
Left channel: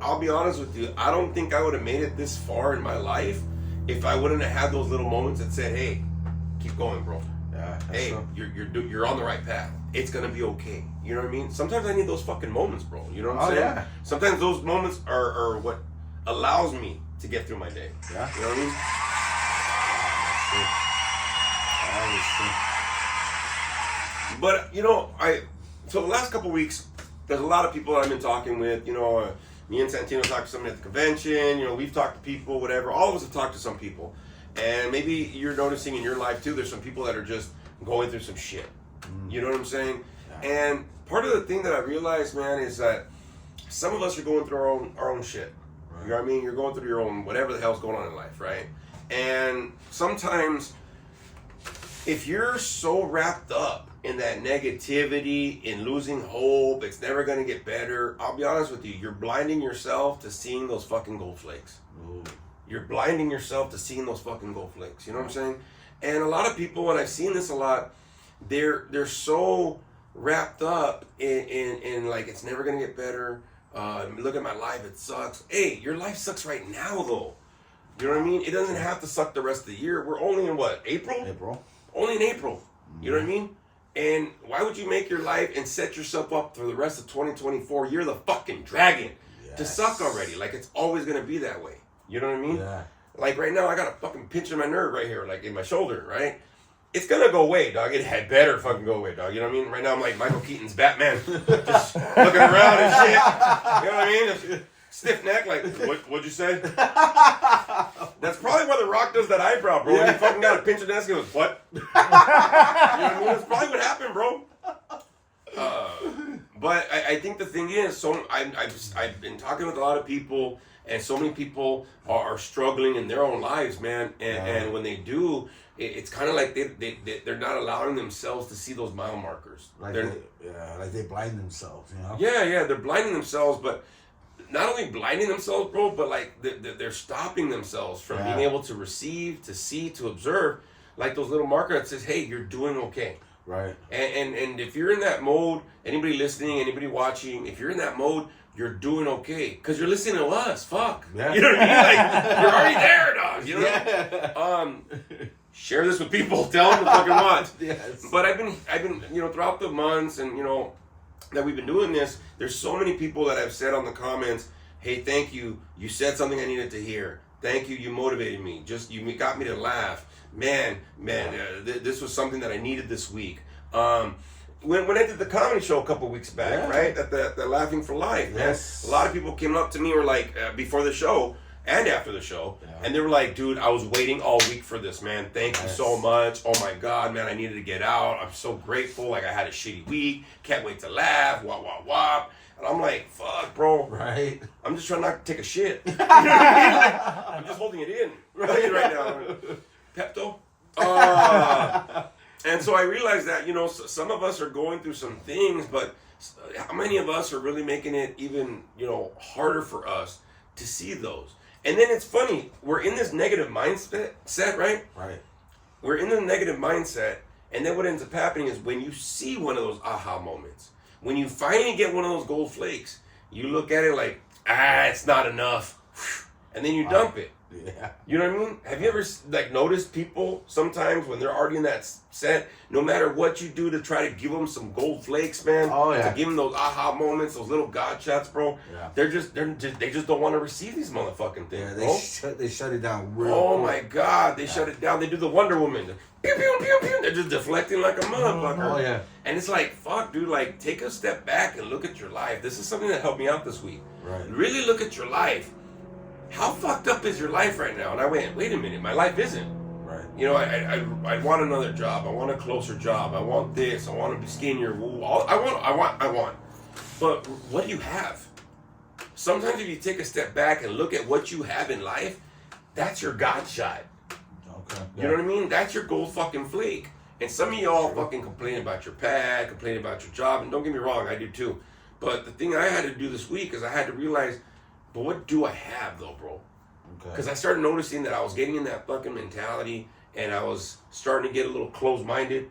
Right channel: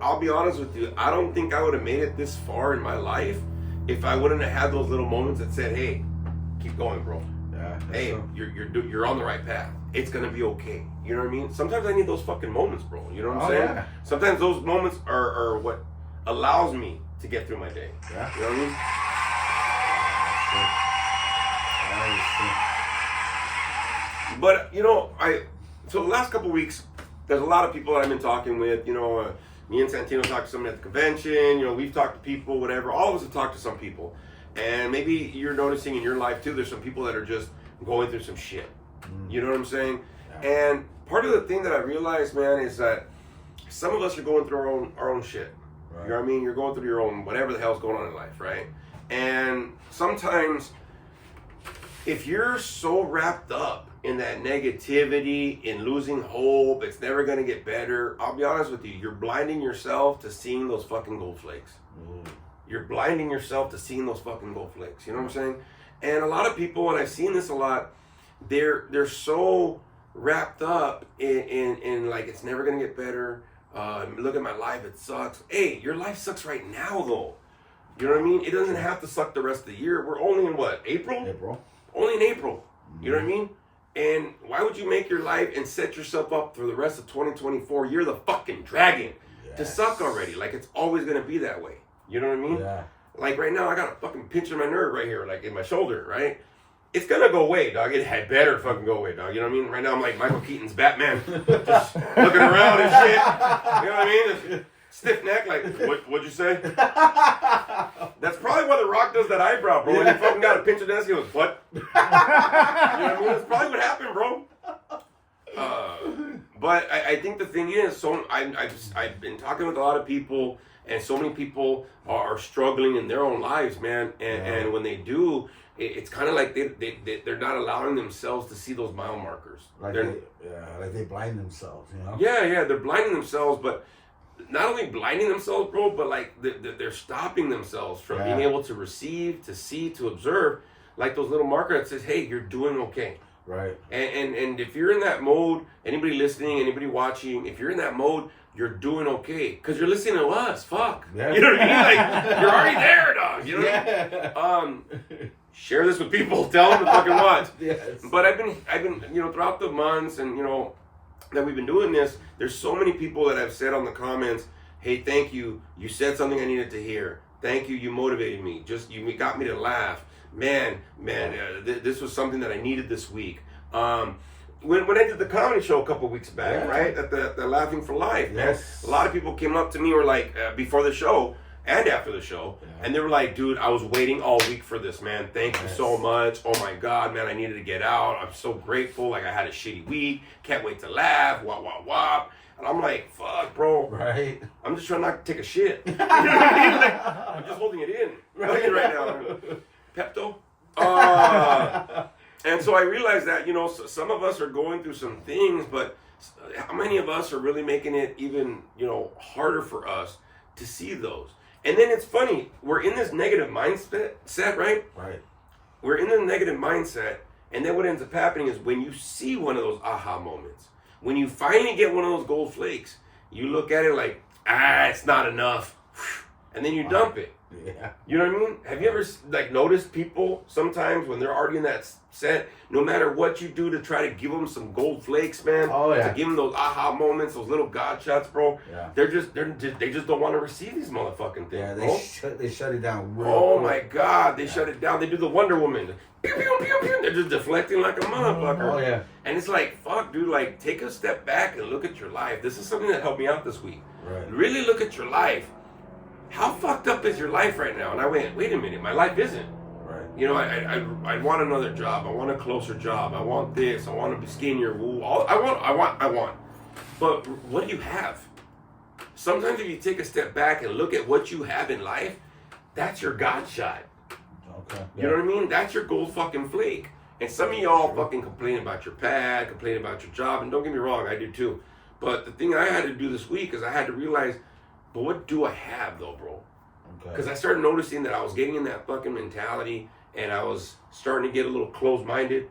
I'll be honest with you, I don't think I would have made it this far in my life if I wouldn't have had those little moments that said, hey, keep going, bro. Yeah, hey, you're on the right path. It's gonna be okay. You know what I mean? Sometimes I need those fucking moments, bro. You know what I'm saying? Yeah. Sometimes those moments are what allows me to get through my day. Yeah. You know what I mean? But, you know, so the last couple weeks, there's a lot of people that I've been talking with. You know, me and Santino talked to somebody at the convention. You know, we've talked to people, whatever. All of us have talked to some people. And maybe you're noticing in your life, too, there's some people that are just going through some shit. You know what I'm saying? Yeah. And part of the thing that I realized, man, is that some of us are going through our own shit. Right. You know what I mean? You're going through your own, whatever the hell's going on in life, right? And sometimes, if you're so wrapped up in that negativity, in losing hope, it's never going to get better, I'll be honest with you, you're blinding yourself to seeing those fucking gold flakes. Ooh. You're blinding yourself to seeing those fucking gold flakes. You know what I'm saying? And a lot of people, and I've seen this a lot, they're so wrapped up in like, it's never going to get better. Look at my life, it sucks. Hey, your life sucks right now, though. You know what I mean? It doesn't have to suck the rest of the year. We're only in what, April? Only in April. You know what I mean? And why would you make your life and set yourself up for the rest of 2024? You're the fucking dragon to suck already. Like, it's always going to be that way. You know what I mean? Yeah. Like, right now, I got a fucking pinch in my nerve right here, like in my shoulder, right? It's gonna go away, dog. It had better fucking go away, dog. You know what I mean? Right now, I'm like Michael Keaton's Batman, just looking around and shit. You know what I mean? Stiff neck, like, what'd you say? That's probably why The Rock does that eyebrow, bro. When he fucking got a pinch of the neck, he goes, what? You know what I mean? That's probably what happened, bro. But I think the thing is, so I've been talking with a lot of people, and so many people are struggling in their own lives, man. And when they do, it's kind of like they're not allowing themselves to see those mile markers. Like they blind themselves, you know? Yeah, they're blinding themselves, but not only blinding themselves, bro, but like they're stopping themselves from being able to receive, to see, to observe, like those little markers that says, hey, you're doing okay. Right. And if you're in that mode, anybody listening, anybody watching, if you're in that mode, you're doing okay. Because you're listening to us. Fuck. Yeah. You know what I mean? Like, you're already there, dog. You know what I mean? Share this with people. Tell them to fucking watch. Yes. But I've been, throughout the months and, that we've been doing this, there's so many people that have said on the comments, hey, thank you. You said something I needed to hear. Thank you. You motivated me. You got me to laugh. Man, this was something that I needed this week. When I did the comedy show a couple weeks back, right, at the Laughing for Life, man, a lot of people came up to me, were like, before the show and after the show, and they were like, dude, I was waiting all week for this, man. Thank you so much. Oh my God, man, I needed to get out. I'm so grateful. Like, I had a shitty week. Can't wait to laugh. Wah, wah, wah. And I'm like, fuck, bro. Right. I'm just trying not to take a shit. You know what I mean? Like, I'm just holding it in. Right now. Pepto. And so I realized that, some of us are going through some things, but how many of us are really making it even, harder for us to see those? And then it's funny, we're in this negative mindset, right? Right. We're in the negative mindset, and then what ends up happening is when you see one of those aha moments, when you finally get one of those gold flakes, you look at it like, it's not enough, and then you dump it. Yeah. You know what I mean? Have you ever noticed people sometimes when they're already in that set, no matter what you do to try to give them some gold flakes, man, to give them those aha moments, those little God shots, bro. Yeah. They just don't want to receive these motherfucking things, bro. They shut it down. My God, they shut it down. They do the Wonder Woman. Pew, pew, pew, pew. They're just deflecting like a motherfucker. Oh yeah. And it's like, fuck, dude. Like, take a step back and look at your life. This is something that helped me out this week. Right. Really look at your life. How fucked up is your life right now? And I went, wait a minute, my life isn't. Right. I want another job. I want a closer job. I want this. I want to be skinnier. I want. But what do you have? Sometimes if you take a step back and look at what you have in life, that's your God shot. Okay. You know what I mean? That's your gold fucking flake. And some of y'all fucking complain about your pad, complain about your job, and don't get me wrong, I do too. But the thing I had to do this week is I had to realize, but what do I have though, bro? Because I started noticing that I was getting in that fucking mentality, and I was starting to get a little closed-minded.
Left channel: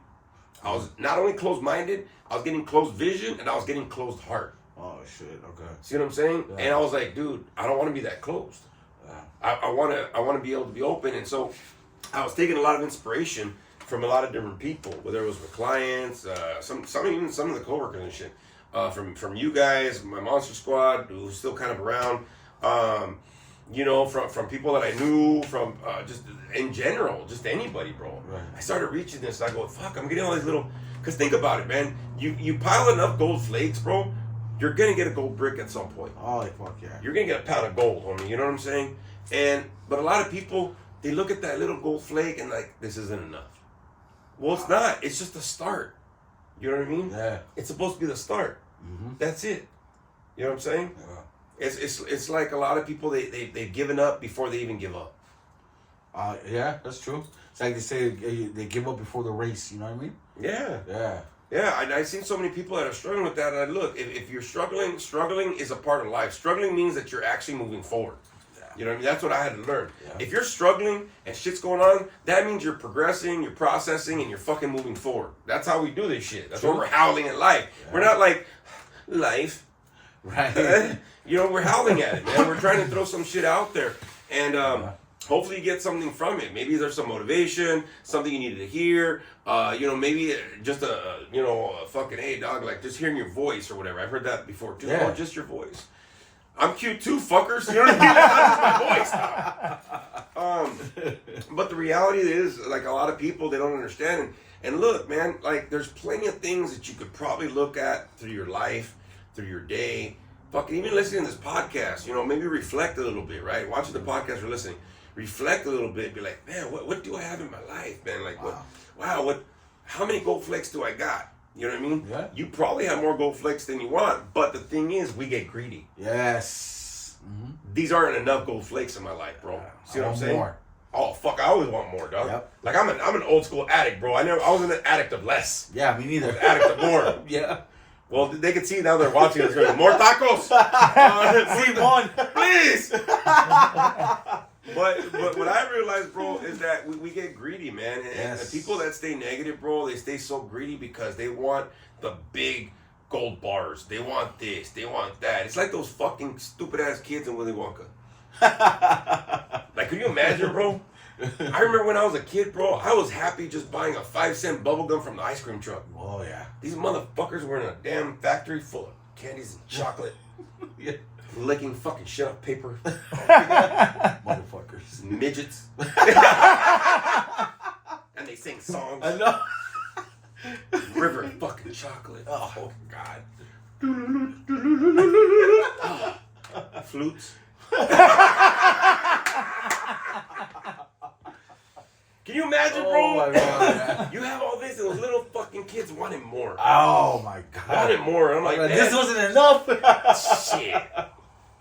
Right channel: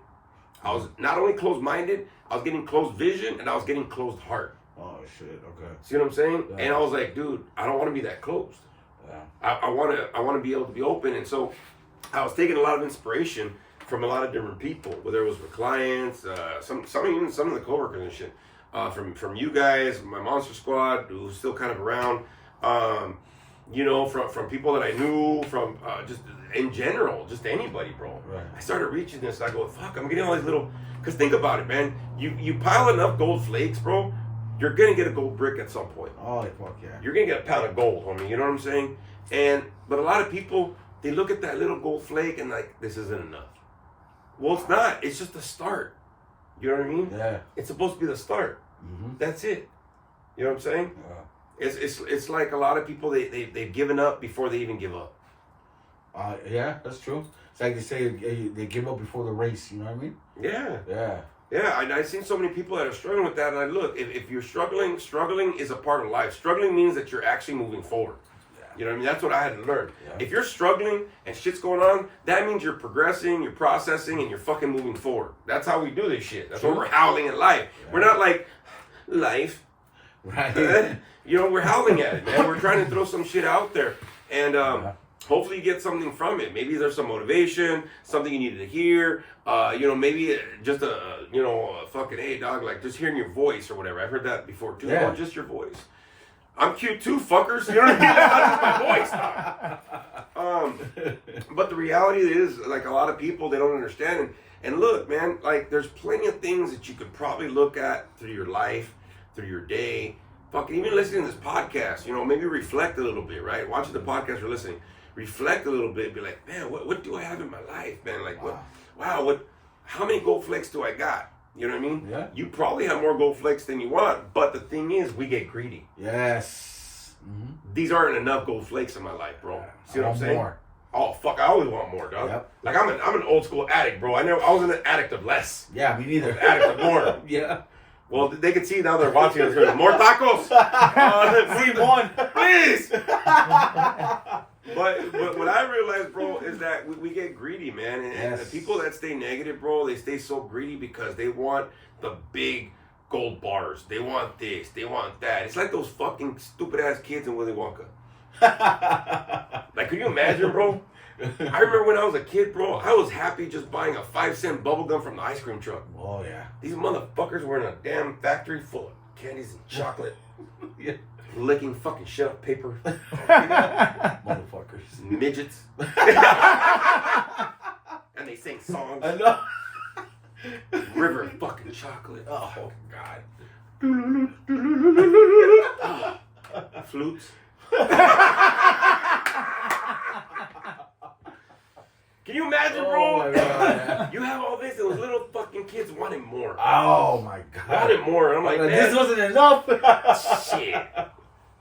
I was not only closed-minded, I was getting closed vision, and I was getting closed heart. Oh shit! Okay. See what I'm saying? Yeah. And I was like, dude, I don't want to be that closed. Yeah. I want to be able to be open, and so I was taking a lot of inspiration from a lot of different people, whether it was with clients, some of the coworkers and shit. From you guys, my Monster Squad, who's still kind of around, from people that I knew, from just in general, just anybody, bro. Right. I started reaching this, I go, fuck, I'm getting all these little, because think about it, man, you pile enough gold flakes, bro, you're gonna get a gold brick at some point. Oh, fuck yeah. You're gonna get a pound of gold, homie, you know what I'm saying? But a lot of people, they look at that little gold flake and like, this isn't enough. Well, it's not, it's just a start. You know what I mean? Yeah. It's supposed to be the start. Mm-hmm. That's it. You know what I'm saying? Yeah. It's like a lot of people, they've given up before they even give up. Yeah, that's true. It's like they say they give up before the race. You know what I mean? Yeah. Yeah. Yeah, I've seen so many people that are struggling with that. And I look, if you're struggling is a part of life. Struggling means that you're actually moving forward. You know what I mean? That's what I had to learn. Yeah. If you're struggling and shit's going on, that means you're progressing, you're processing, and you're fucking moving forward. That's how we do this shit. That's why we're howling at life. Yeah. We're not like, life. Right. We're howling at it, man. We're trying to throw some shit out there. And hopefully you get something from it. Maybe there's some motivation, something you needed to hear. Maybe just a fucking, hey, dog, like just hearing your voice or whatever. I've heard that before too. Yeah. Oh, just your voice. I'm cute too, fuckers. You know what I mean? That's my voice. But the reality is, like, a lot of people, they don't understand. And look, man, like, there's plenty of things that you could probably look at through your life, through your day. Fucking even listening to this podcast, maybe reflect a little bit, right? Watching the podcast or listening. Reflect a little bit. Be like, man, what do I have in my life, man? Like, how many gold flakes do I got? You know what I mean? Yeah. You probably have more gold flakes than you want, but the thing is, we get greedy. Yes. Mm-hmm. These aren't enough gold flakes in my life, bro. See what I'm saying? More. Oh fuck! I always want more, dog. Yep. Like I'm an old school addict, bro. I was an addict of less. Yeah, me neither. An addict of more. Yeah. Well, they can see now they're watching us. More tacos. Simon, please. But what I realized, bro, is that we get greedy, man. And the people that stay negative, bro, they stay so greedy because they want the big gold bars. They want this. They want that. It's like those fucking stupid ass kids in Willy Wonka. Like, could you imagine, bro? I remember when I was a kid, bro, I was happy just buying a 5-cent bubble gum from the ice cream truck. Oh, yeah. These motherfuckers were in a damn factory full of candies and chocolate. Yeah. Licking fucking shit up paper. Motherfuckers. Midgets. And they sing songs. I know. River of fucking chocolate. Oh, God. Flutes. Can you imagine, bro? Oh, my God. You have all this, and those little fucking kids wanting more. Oh, my God. Wanted more. And I'm like, this wasn't enough. Shit.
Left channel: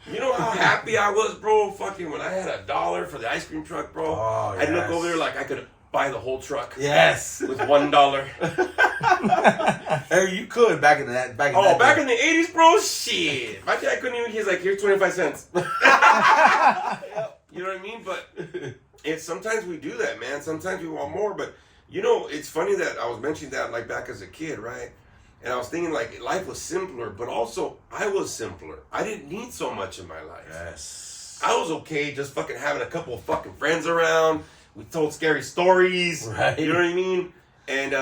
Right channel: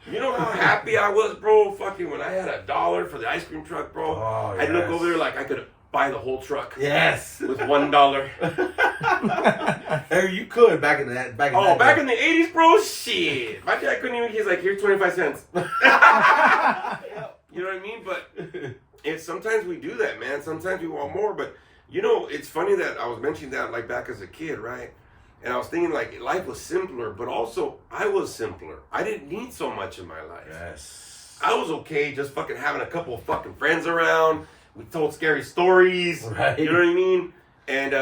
You know how happy I was, bro? Fucking when I had $1 for the ice cream truck, bro. Oh, I'd look over there like I could buy the whole truck. Yes. With $1. Hey, you could back in that. Back in the 80s, bro? Shit. My dad couldn't even, he's like, here's 25 cents. You know what I mean? But it's sometimes we do that, man. Sometimes we want more. But, you know, it's funny that I was mentioning that, like, back as a kid, right? And I was thinking, like, life was simpler, but also I was simpler. I didn't need so much in my life. Yes. I was okay just fucking having a couple of fucking friends around. We told scary stories. Right. You know what I mean? And,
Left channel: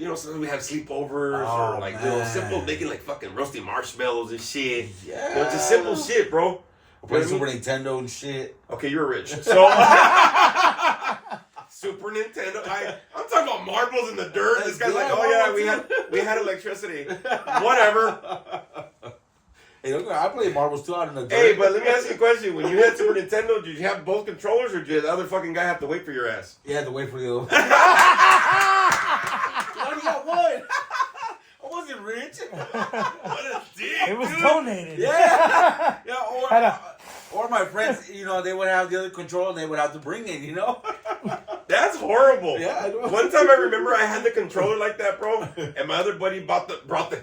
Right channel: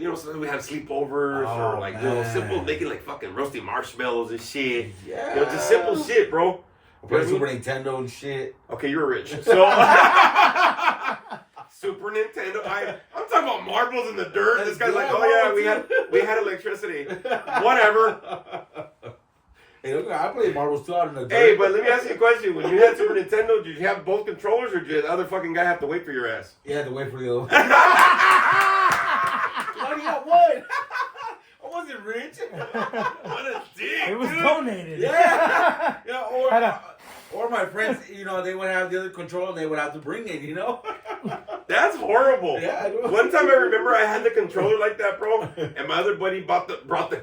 you know, sometimes we had sleepovers or, like, you know, simple, making, like, fucking roasting marshmallows and shit. Yeah. You know, just simple shit, bro. Play Super Nintendo and shit. Okay, you're rich. So, Super Nintendo. I'm talking about marbles in the dirt. This guy's like, oh yeah, we had electricity. Whatever. Hey, look, I played marbles too out in the dirt. Hey, but let me ask you a question. When you had Super Nintendo, did you have both controllers, or did the other fucking guy have to wait for your ass? You had to wait for you. You only got one. I wasn't rich. What a dick, It was dude. donated. Yeah. Yeah. Or my friends, you know, they would have the other controller and they would have to bring it, you know? That's horrible. Yeah, I know. One time I remember I had the controller like that, bro, and my other buddy brought the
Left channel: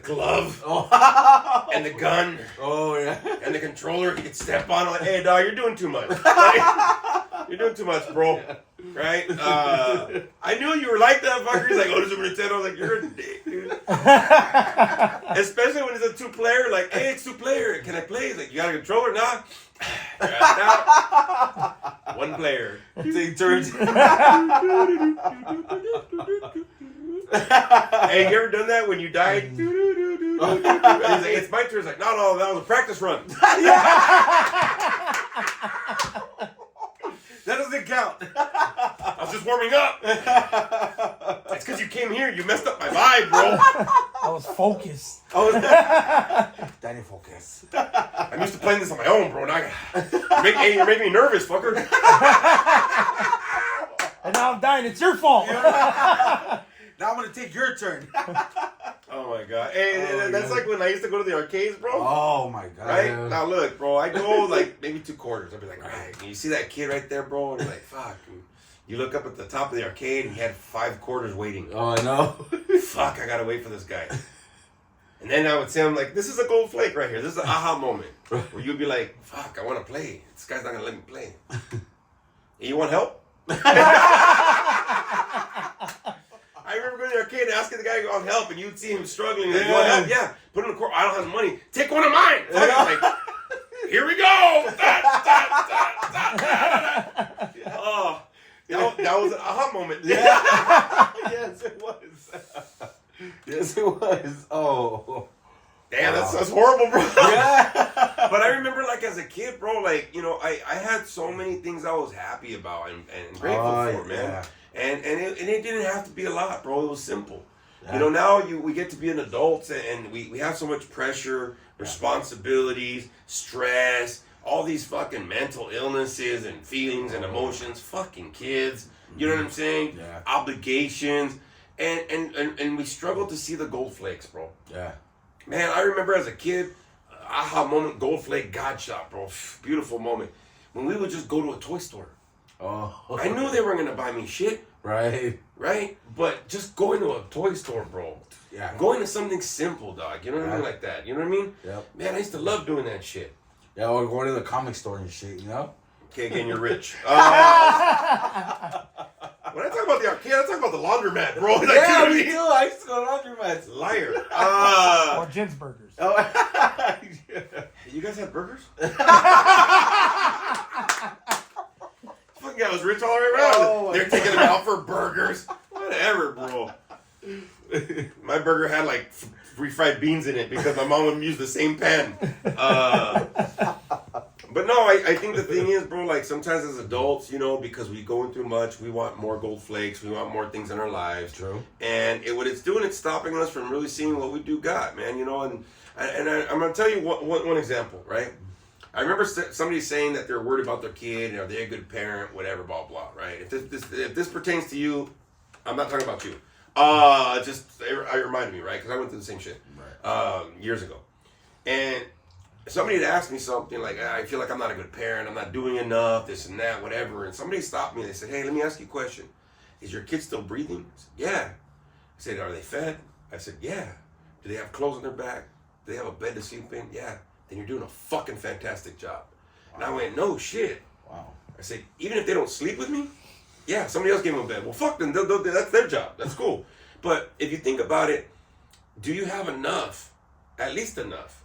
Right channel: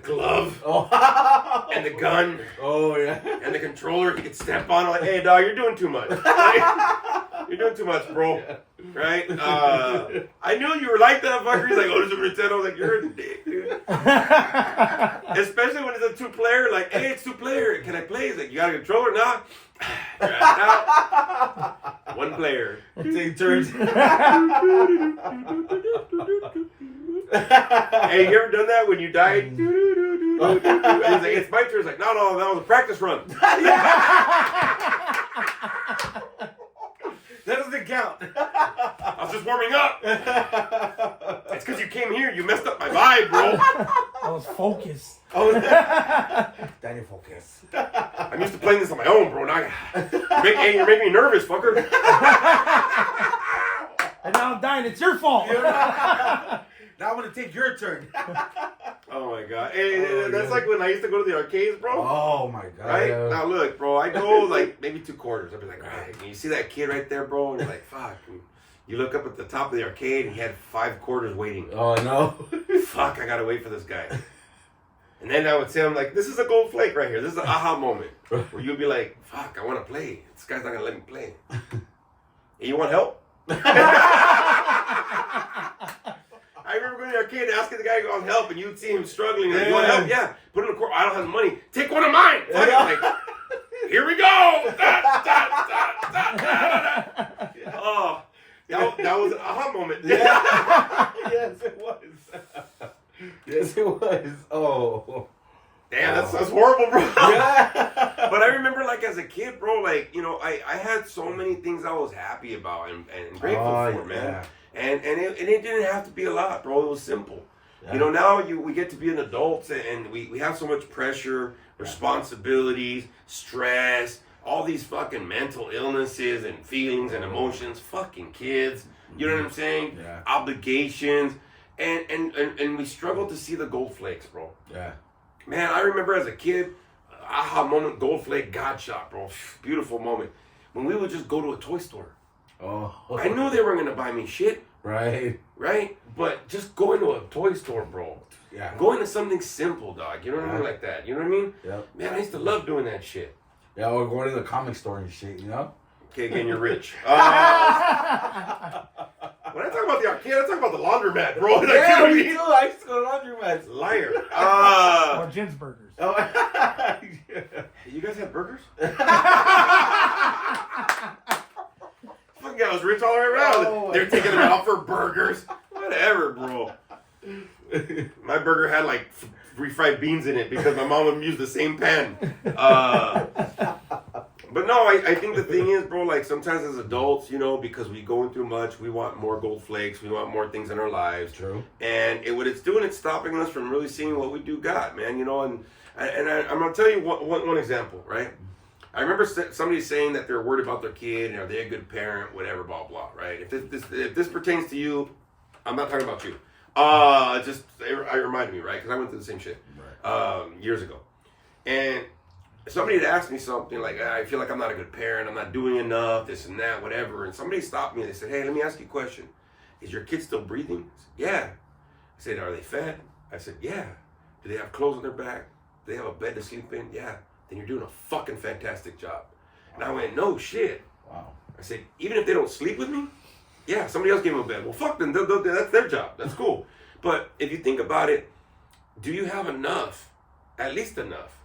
glove and the gun Oh, yeah. and the controller he could step on. I'm like, hey, dog, you're doing too much. Like, you're doing too much, bro. Right? I knew you were like that, fucker. He's like, oh, this is a Nintendo. I was like, you're a dick, dude. Especially when it's a 2-player. Like, hey, it's 2-player. Can I play? He's like, you got a controller? Nah. Nah. 1 player. Take turns. Hey, you ever done that when you died? And he's like, it's my turn. He's like, no, that was a practice run. That doesn't count. I was just warming up. It's because you came here. You messed up my vibe, bro. I was focused. Danny, focus. I'm used to playing this on my own, bro. Now you're making me nervous, fucker. And now I'm dying. It's your fault. Now I'm going to take your turn. Oh, my God. Hey, that's like when I used to go to the arcades, bro. Oh, my God. Right? Now, look, bro. I go like maybe 2 quarters. I'd be like, all right. And you see that kid right there, bro? And you're like, fuck. And you look up at the top of the arcade and he had 5 quarters waiting. Oh, I know. Fuck, I got to wait for this guy. And then I would say, I'm like, this is a gold flake right here. This is an aha moment. Where you'd be like, fuck, I want to play. This guy's not going to let me play. Hey, you want help? I remember going to the arcade and asking the guy on help, and you'd see him struggling. Like, you want help? Yeah. Put in a quarter. I don't have the money. Take one of mine. Fuck it. Like, here we go. Oh, that was an aha moment. Yeah. Yes, it was. Yes, it was. Oh. Damn, that's horrible, bro. Yeah. But I remember, like, as a kid, bro, like, you know, I had so many things I was happy about and grateful for, man. Yeah. And it didn't have to be a lot, bro. It was simple. Yeah. You know, now we get to be an adult and we have so much pressure, responsibilities, stress, all these fucking mental illnesses and feelings and emotions, fucking kids. You know what I'm saying? Yeah. Obligations. And we struggle to see the gold flakes, bro. Yeah. Man, I remember as a kid, aha moment, gold flake, God shot, bro. Beautiful moment. When we would just go to a toy store. Oh. I knew they weren't gonna buy me shit. Right. Right? But just going to a toy store, bro. Yeah. Going to something simple, dog. You know what I mean? Like that. You know what I mean? Yep. Man, I used to love doing that shit. Yeah, or going to the comic store and shit, you know? Okay, again, you're rich. When I talk about the arcade, I talk about the laundromat, bro. Like, Yeah, you know what I me mean? too. I used to go to laundromats. Liar. Or Jim's Burgers. Oh, You guys have burgers? Fucking guy was rich all the way around. Oh, They're taking him out for burgers. Whatever, bro. My burger had like refried beans in it because my mom would use the same pan. But no, I think the thing is, bro, like sometimes as adults, you know, because we going through much, we want more gold flakes, we want more things in our lives. True. And what it's doing, it's stopping us from really seeing what we do got, man, you know. And I'm going to tell you one example, right? I remember somebody saying that they're worried about their kid, and are they a good parent, whatever, blah, blah, right? If this pertains to you, I'm not talking about you. It reminded me, right? Because I went through the same shit years ago. And somebody had asked me something like, I feel like I'm not a good parent, I'm not doing enough, this and that, whatever. And somebody stopped me and they said, hey, let me ask you a question. Is your kid still breathing? I said, yeah. I said, are they fed? I said, yeah. Do they have clothes on their back? Do they have a bed to sleep in? Yeah. Then you're doing a fucking fantastic job. Wow. And I went, no shit. Wow. I said, even if they don't sleep with me? Yeah, somebody else gave them a bed. Well, fuck them. That's their job. That's cool. But if you think about it, do you have enough? At least enough,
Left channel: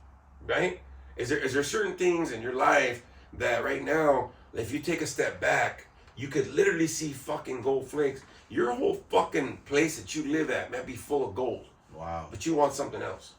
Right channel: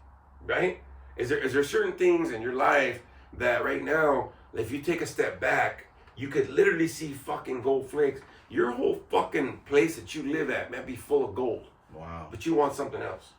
right? Is there certain things in your life that right now, if you take a step back, you could literally see fucking gold flakes. Your whole fucking place that you live at might be full of gold. Wow. But you want something else,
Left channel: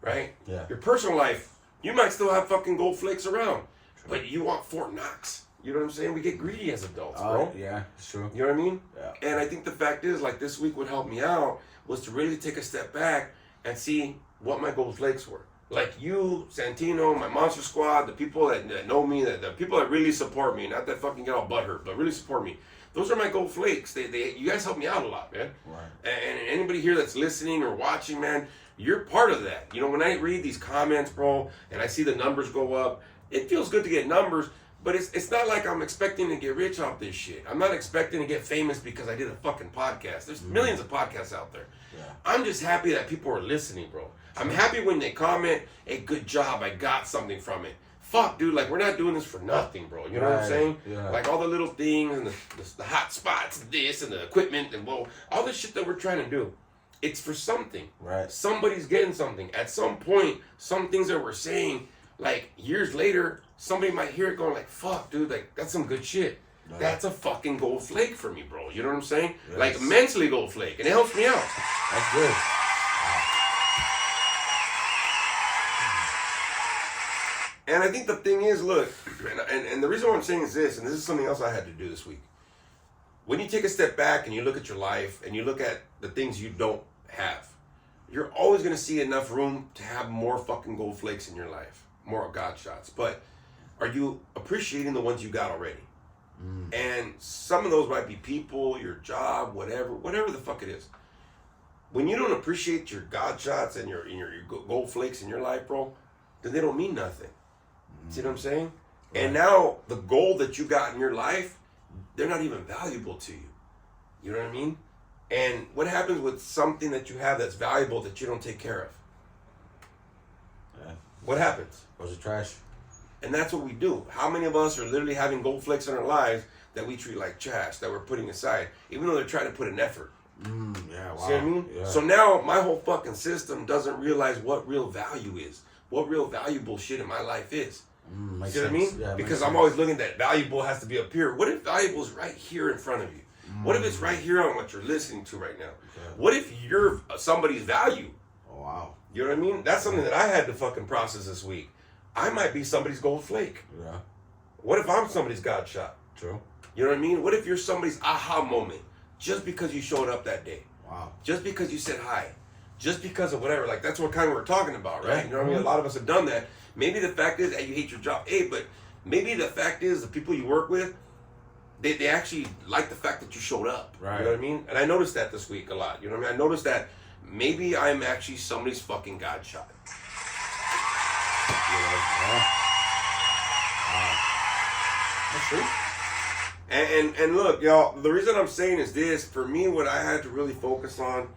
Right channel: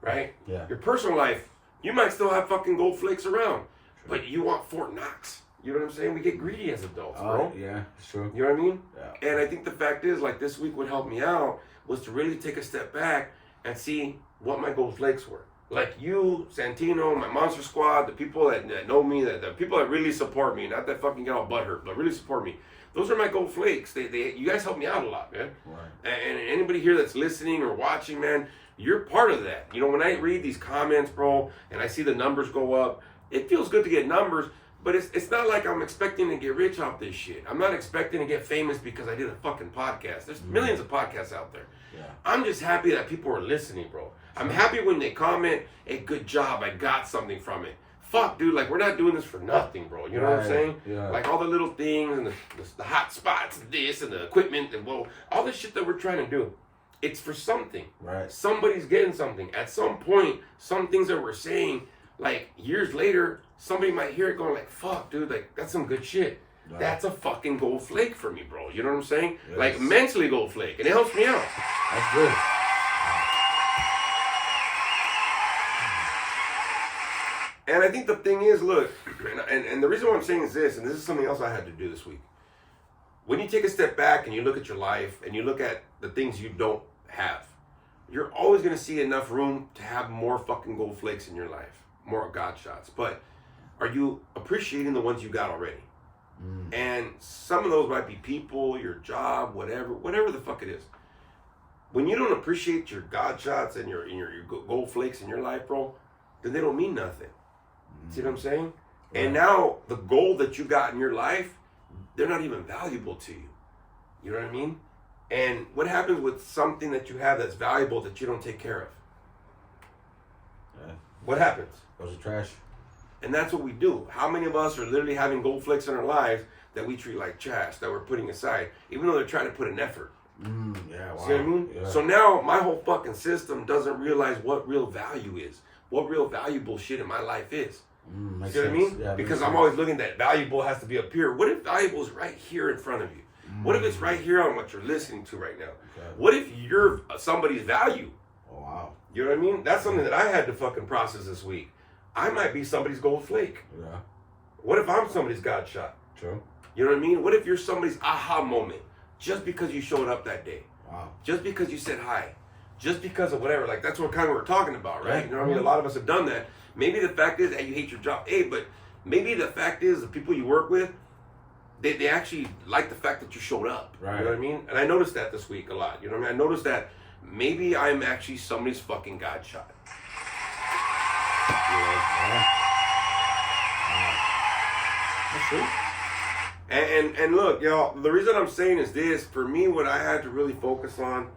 right? Yeah. Your personal life, you might still have fucking gold flakes around, but you want Fort Knox. You know what I'm saying? We get greedy as adults, bro. Yeah, sure. You know what I mean? Yeah. And I think the fact is, like, this week what helped me out was to really take a step back and see what my gold flakes were. Like you, Santino, my Monster Squad, the people that know me, the people that really support me, not that fucking get all butthurt, but really support me. Those are my gold flakes. You guys help me out a lot, man. Right. And anybody here that's listening or watching, man, you're part of that. You know, when I read these comments, bro, and I see the numbers go up, it feels good to get numbers, but it's not like I'm expecting to get rich off this shit. I'm not expecting to get famous because I did a fucking podcast. There's millions of podcasts out there. Yeah. I'm just happy that people are listening, bro. I'm happy when they comment, hey, good job, I got something from it. Fuck, dude, like, we're not doing this for nothing, bro. You know what I'm saying? Yeah. Like, all the little things and the hot spots, this and the equipment, and well, all this shit that we're trying to do. It's for something. Right. Somebody's getting something. At some point, some things that we're saying, like, years later, somebody might hear it going like, fuck, dude, like, that's some good shit. Right. That's a fucking gold flake for me, bro. You know what I'm saying? Yes. Like, mentally gold flake. And it helps me out. That's good. And I think the thing is, look, and the reason why I'm saying is this, and this is something else I had to do this week. When you take a step back and you look at your life and you look at the things you don't have, you're always going to see enough room to have more fucking gold flakes in your life, more God shots. But are you appreciating the ones you got already? And some of those might be people, your job, whatever the fuck it is. When you don't appreciate your God shots and your gold flakes in your life, bro, then they don't mean nothing. See what I'm saying? Right. And now the gold that you got in your life, they're not even valuable to you. You know what I mean? And what happens with something that you have that's valuable that you don't take care of? Yeah. What happens? Goes to trash. And that's what we do. How many of us are literally having gold flakes in our lives that we treat like trash, that we're putting aside, even though they're trying to put an effort? Yeah, wow. See what I mean? Yeah. So now my whole fucking system doesn't realize what real value is, what real valuable shit in my life is. See what I mean? Yeah, because I'm always looking that valuable has to be up here. What if valuable is right here in front of you? What if it's right here on what you're listening to right now? Okay. What if you're somebody's value? Oh, wow. You know what I mean? That's something that I had to fucking process this week. I might be somebody's gold flake. Yeah. What if I'm somebody's God shot? True. You know what I mean? What if you're somebody's aha moment just because you showed up that day? Wow. Just because you said hi. Just because of whatever. Like, that's what kind of we're talking about, right? Yeah. You know what I mean? A lot of us have done that. Maybe the fact is that you hate your job. Hey, but maybe the fact is the people you work with, they actually like the fact that you showed up. Right. You know what I mean? And I noticed that this week a lot. You know what I mean? I noticed that maybe I'm actually somebody's fucking God shot. You know? Yeah. Wow. That's true. And look, y'all, the reason I'm saying is this. For me, what I had to really focus on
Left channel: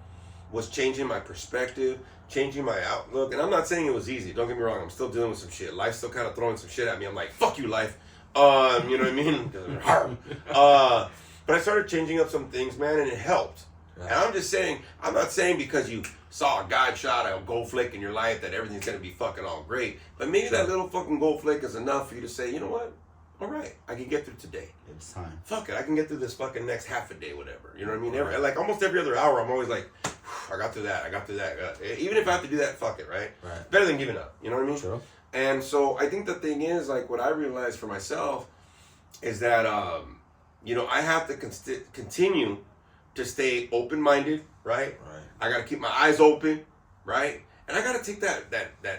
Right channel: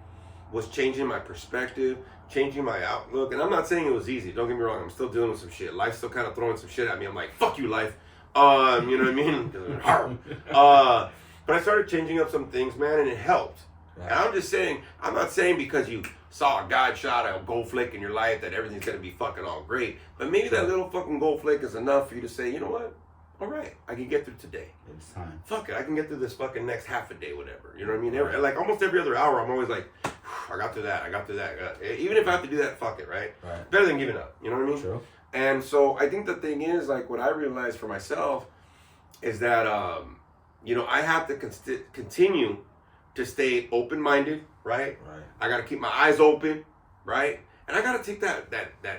was changing my perspective, changing my outlook. And I'm not saying it was easy. Don't get me wrong. I'm still dealing with some shit. Life's still kind of throwing some shit at me. I'm like, fuck you, life. You know what I mean? Because it's hard. But I started changing up some things, man, and it helped. Right. And I'm just saying, I'm not saying because you saw a God shot, a gold flake in your life that everything's going to be fucking all great. But maybe that little fucking gold flake is enough for you to say, you know what? All right, I can get through today. It's time. Fuck it, I can get through this fucking next half a day, whatever. You know what I mean? Like almost every other hour, I'm always like, I got through that. Even if I have to do that, fuck it, right? Better than giving up. You know what I mean? True. And so I think the thing is, like, what I realized for myself is that, you know, I have to continue to stay open-minded, right? I got to keep my eyes open, right? And I got to take that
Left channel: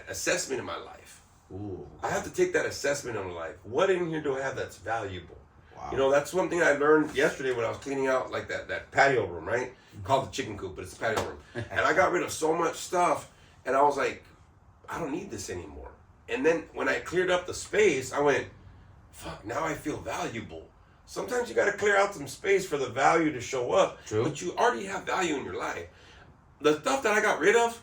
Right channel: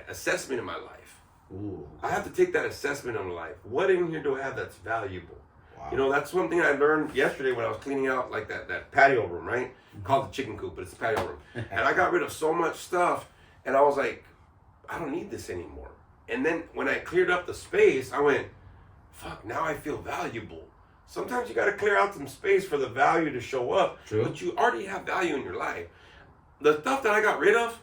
assessment in my life. Ooh. I have to take that assessment of life. What in here do I have that's valuable? Wow. You know, that's one thing I learned yesterday when I was cleaning out like that patio room, right? Called the chicken coop, but it's the patio room. And I got rid of so much stuff, and I was like, I don't need this anymore. And then when I cleared up the space, I went, fuck, now I feel valuable. Sometimes you got to clear out some space for the value to show up. True. But you already have value in your life. The stuff that I got rid of,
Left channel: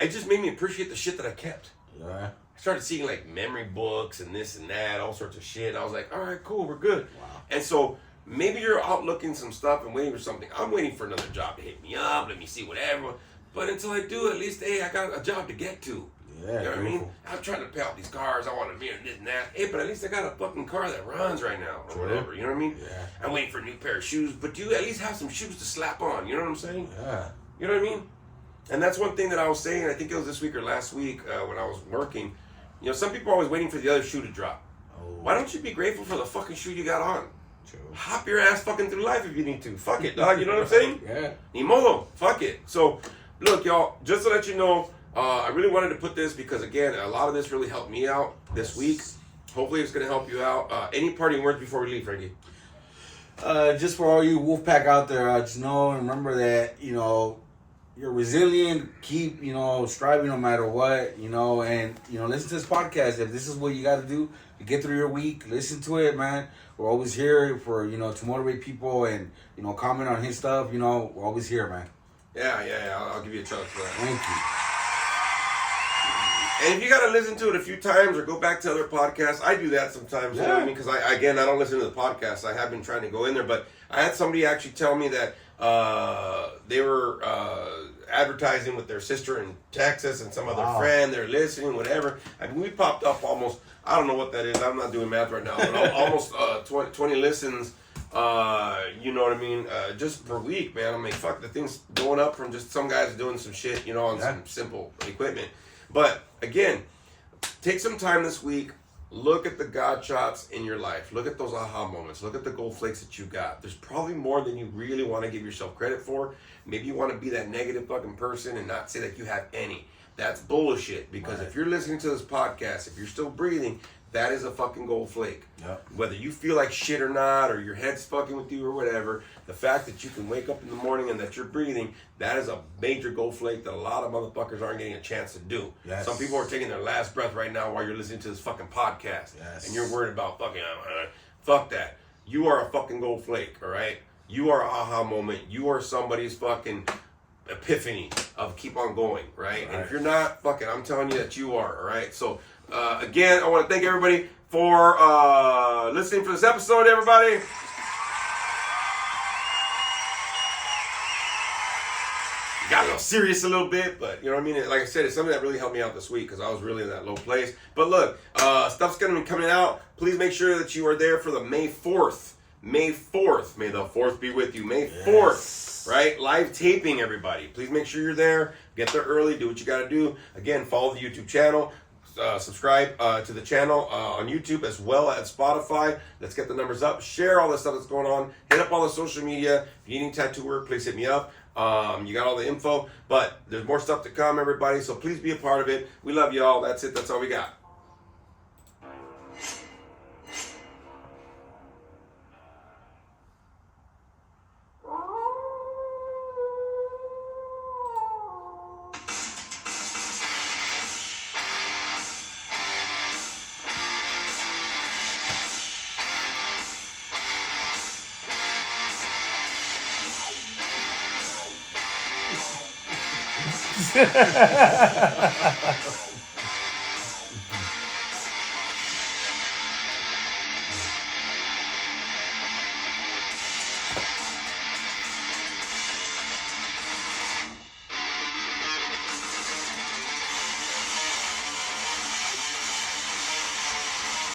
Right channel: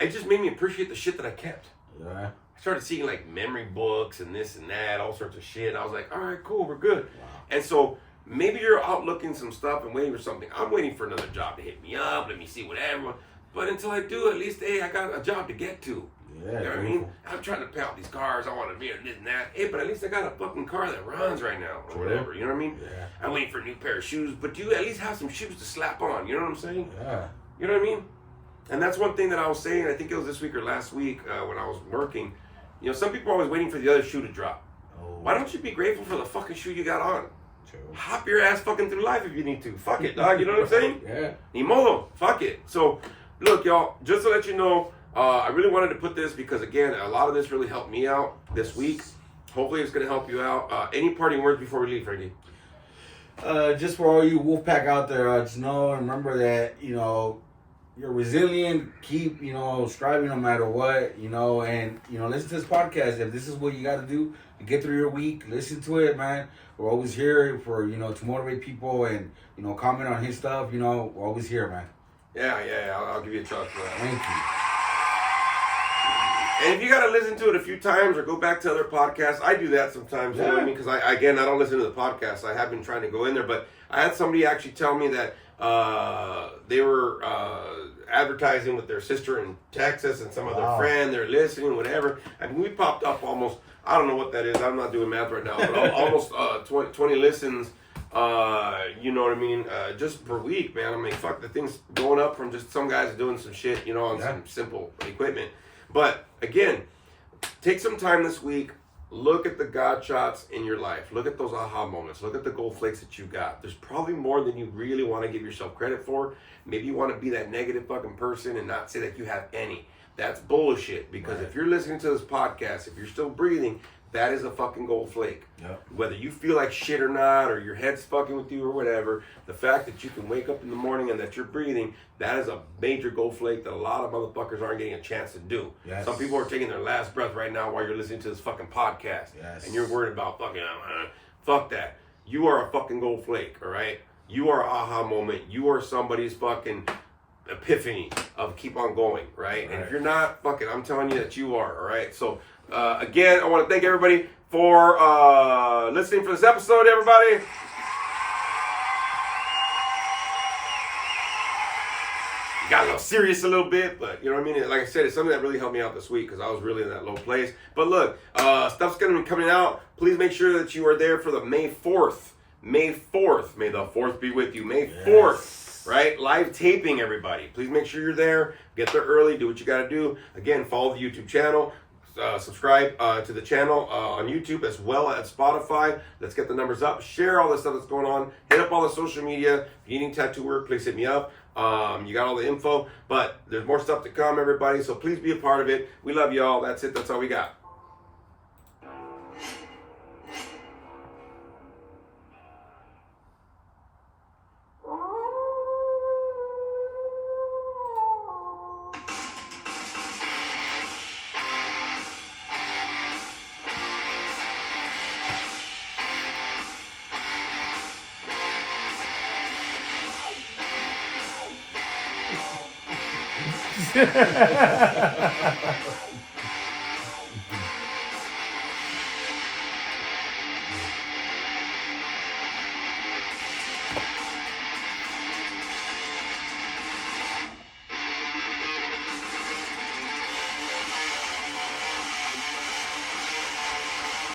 it just made me appreciate the shit that I kept. Yeah. I started seeing like memory books and this and that, all sorts of shit. And I was like, all right, cool, we're good. Wow. And so maybe you're out looking some stuff and waiting for something. I'm waiting for another job to hit me up. Let me see whatever. But until I do, at least, hey, I got a job to get to. Yeah, you know what I mean? I'm trying to pay out these cars. I want to be in this and that. Hey, but at least I got a fucking car that runs right now or whatever. You know what I mean? Yeah. I'm waiting for a new pair of shoes. But do you at least have some shoes to slap on? You know what I'm saying? Yeah. You know what I mean? And that's one thing that I was saying, I think it was this week or last week when I was working. You know, some people are always waiting for the other shoe to drop. Oh. Why don't you be grateful for the fucking shoe you got on? True. Hop your ass fucking through life if you need to. Fuck it, dog. You know what I'm saying? Yeah. Ni modo. Fuck it. So, look, y'all, just to let you know, I really wanted to put this because, again, a lot of this really helped me out this week. Hopefully it's going to help you out. Any parting words before we leave, Frankie? Just for all you Wolfpack out there, just know and remember that, you know, you're resilient, keep, you know, striving no matter what, you know, and, you know, listen to this podcast. If this is what you got to do to get through your week, listen to it, man. We're always here for, you know, to motivate people and, you know, comment on his stuff, you know, we're always here, man. Yeah, I'll give you a chance for that. Thank you. And if you got to listen to it a few times or go back to other podcasts, I do that sometimes, you know what I mean? Because, I don't listen to the podcasts. I have been trying to go in there, but I had somebody actually tell me that they were advertising with their sister in Texas and some other friend. They're listening, whatever. I mean, we popped up almost, I don't know what that is. I'm not doing math right now, but almost 20 listens, you know what I mean? Just per week, man. I mean, fuck, the thing's going up from just some guys doing some shit, you know, on some simple equipment. But again, take some time this week. Look at the God shots in your life. Look at those aha moments. Look at the gold flakes that you got. There's probably more than you really want to give yourself credit for. Maybe you want to be that negative fucking person and not say that you have any. That's bullshit. Because if you're listening to this podcast, if you're still breathing, that is a fucking gold flake. Yep. Whether you feel like shit or not, or your head's fucking with you or whatever, the fact that you can wake up in the morning and that you're breathing, that is a major gold flake that a lot of motherfuckers aren't getting a chance to do. Yes. Some people are taking their last breath right now while you're listening to this fucking podcast. Yes. And you're worried about fucking, fuck that. You are a fucking gold flake, all right? You are an aha moment. You are somebody's fucking epiphany of keep on going, right? And if you're not, fuck it, I'm telling you that you are, all right? So, again, I want to thank everybody for listening for this episode, everybody. Got a little serious a little bit, but you know what I mean? Like I said, it's something that really helped me out this week because I was really in that low place. But look, stuff's going to be coming out. Please make sure that you are there for the May 4th. May 4th. May the 4th be with you. May 4th, right? Live taping, everybody. Please make sure you're there. Get there early. Do what you got to do. Again, follow the YouTube channel. Subscribe to the channel on YouTube as well as Spotify. Let's get the numbers up. Share all the stuff that's going on. Hit up all the social media. If you need tattoo work, please hit me up. You got all the info, but there's more stuff to come, everybody. So please be a part of it. We love y'all. That's it. That's all we got.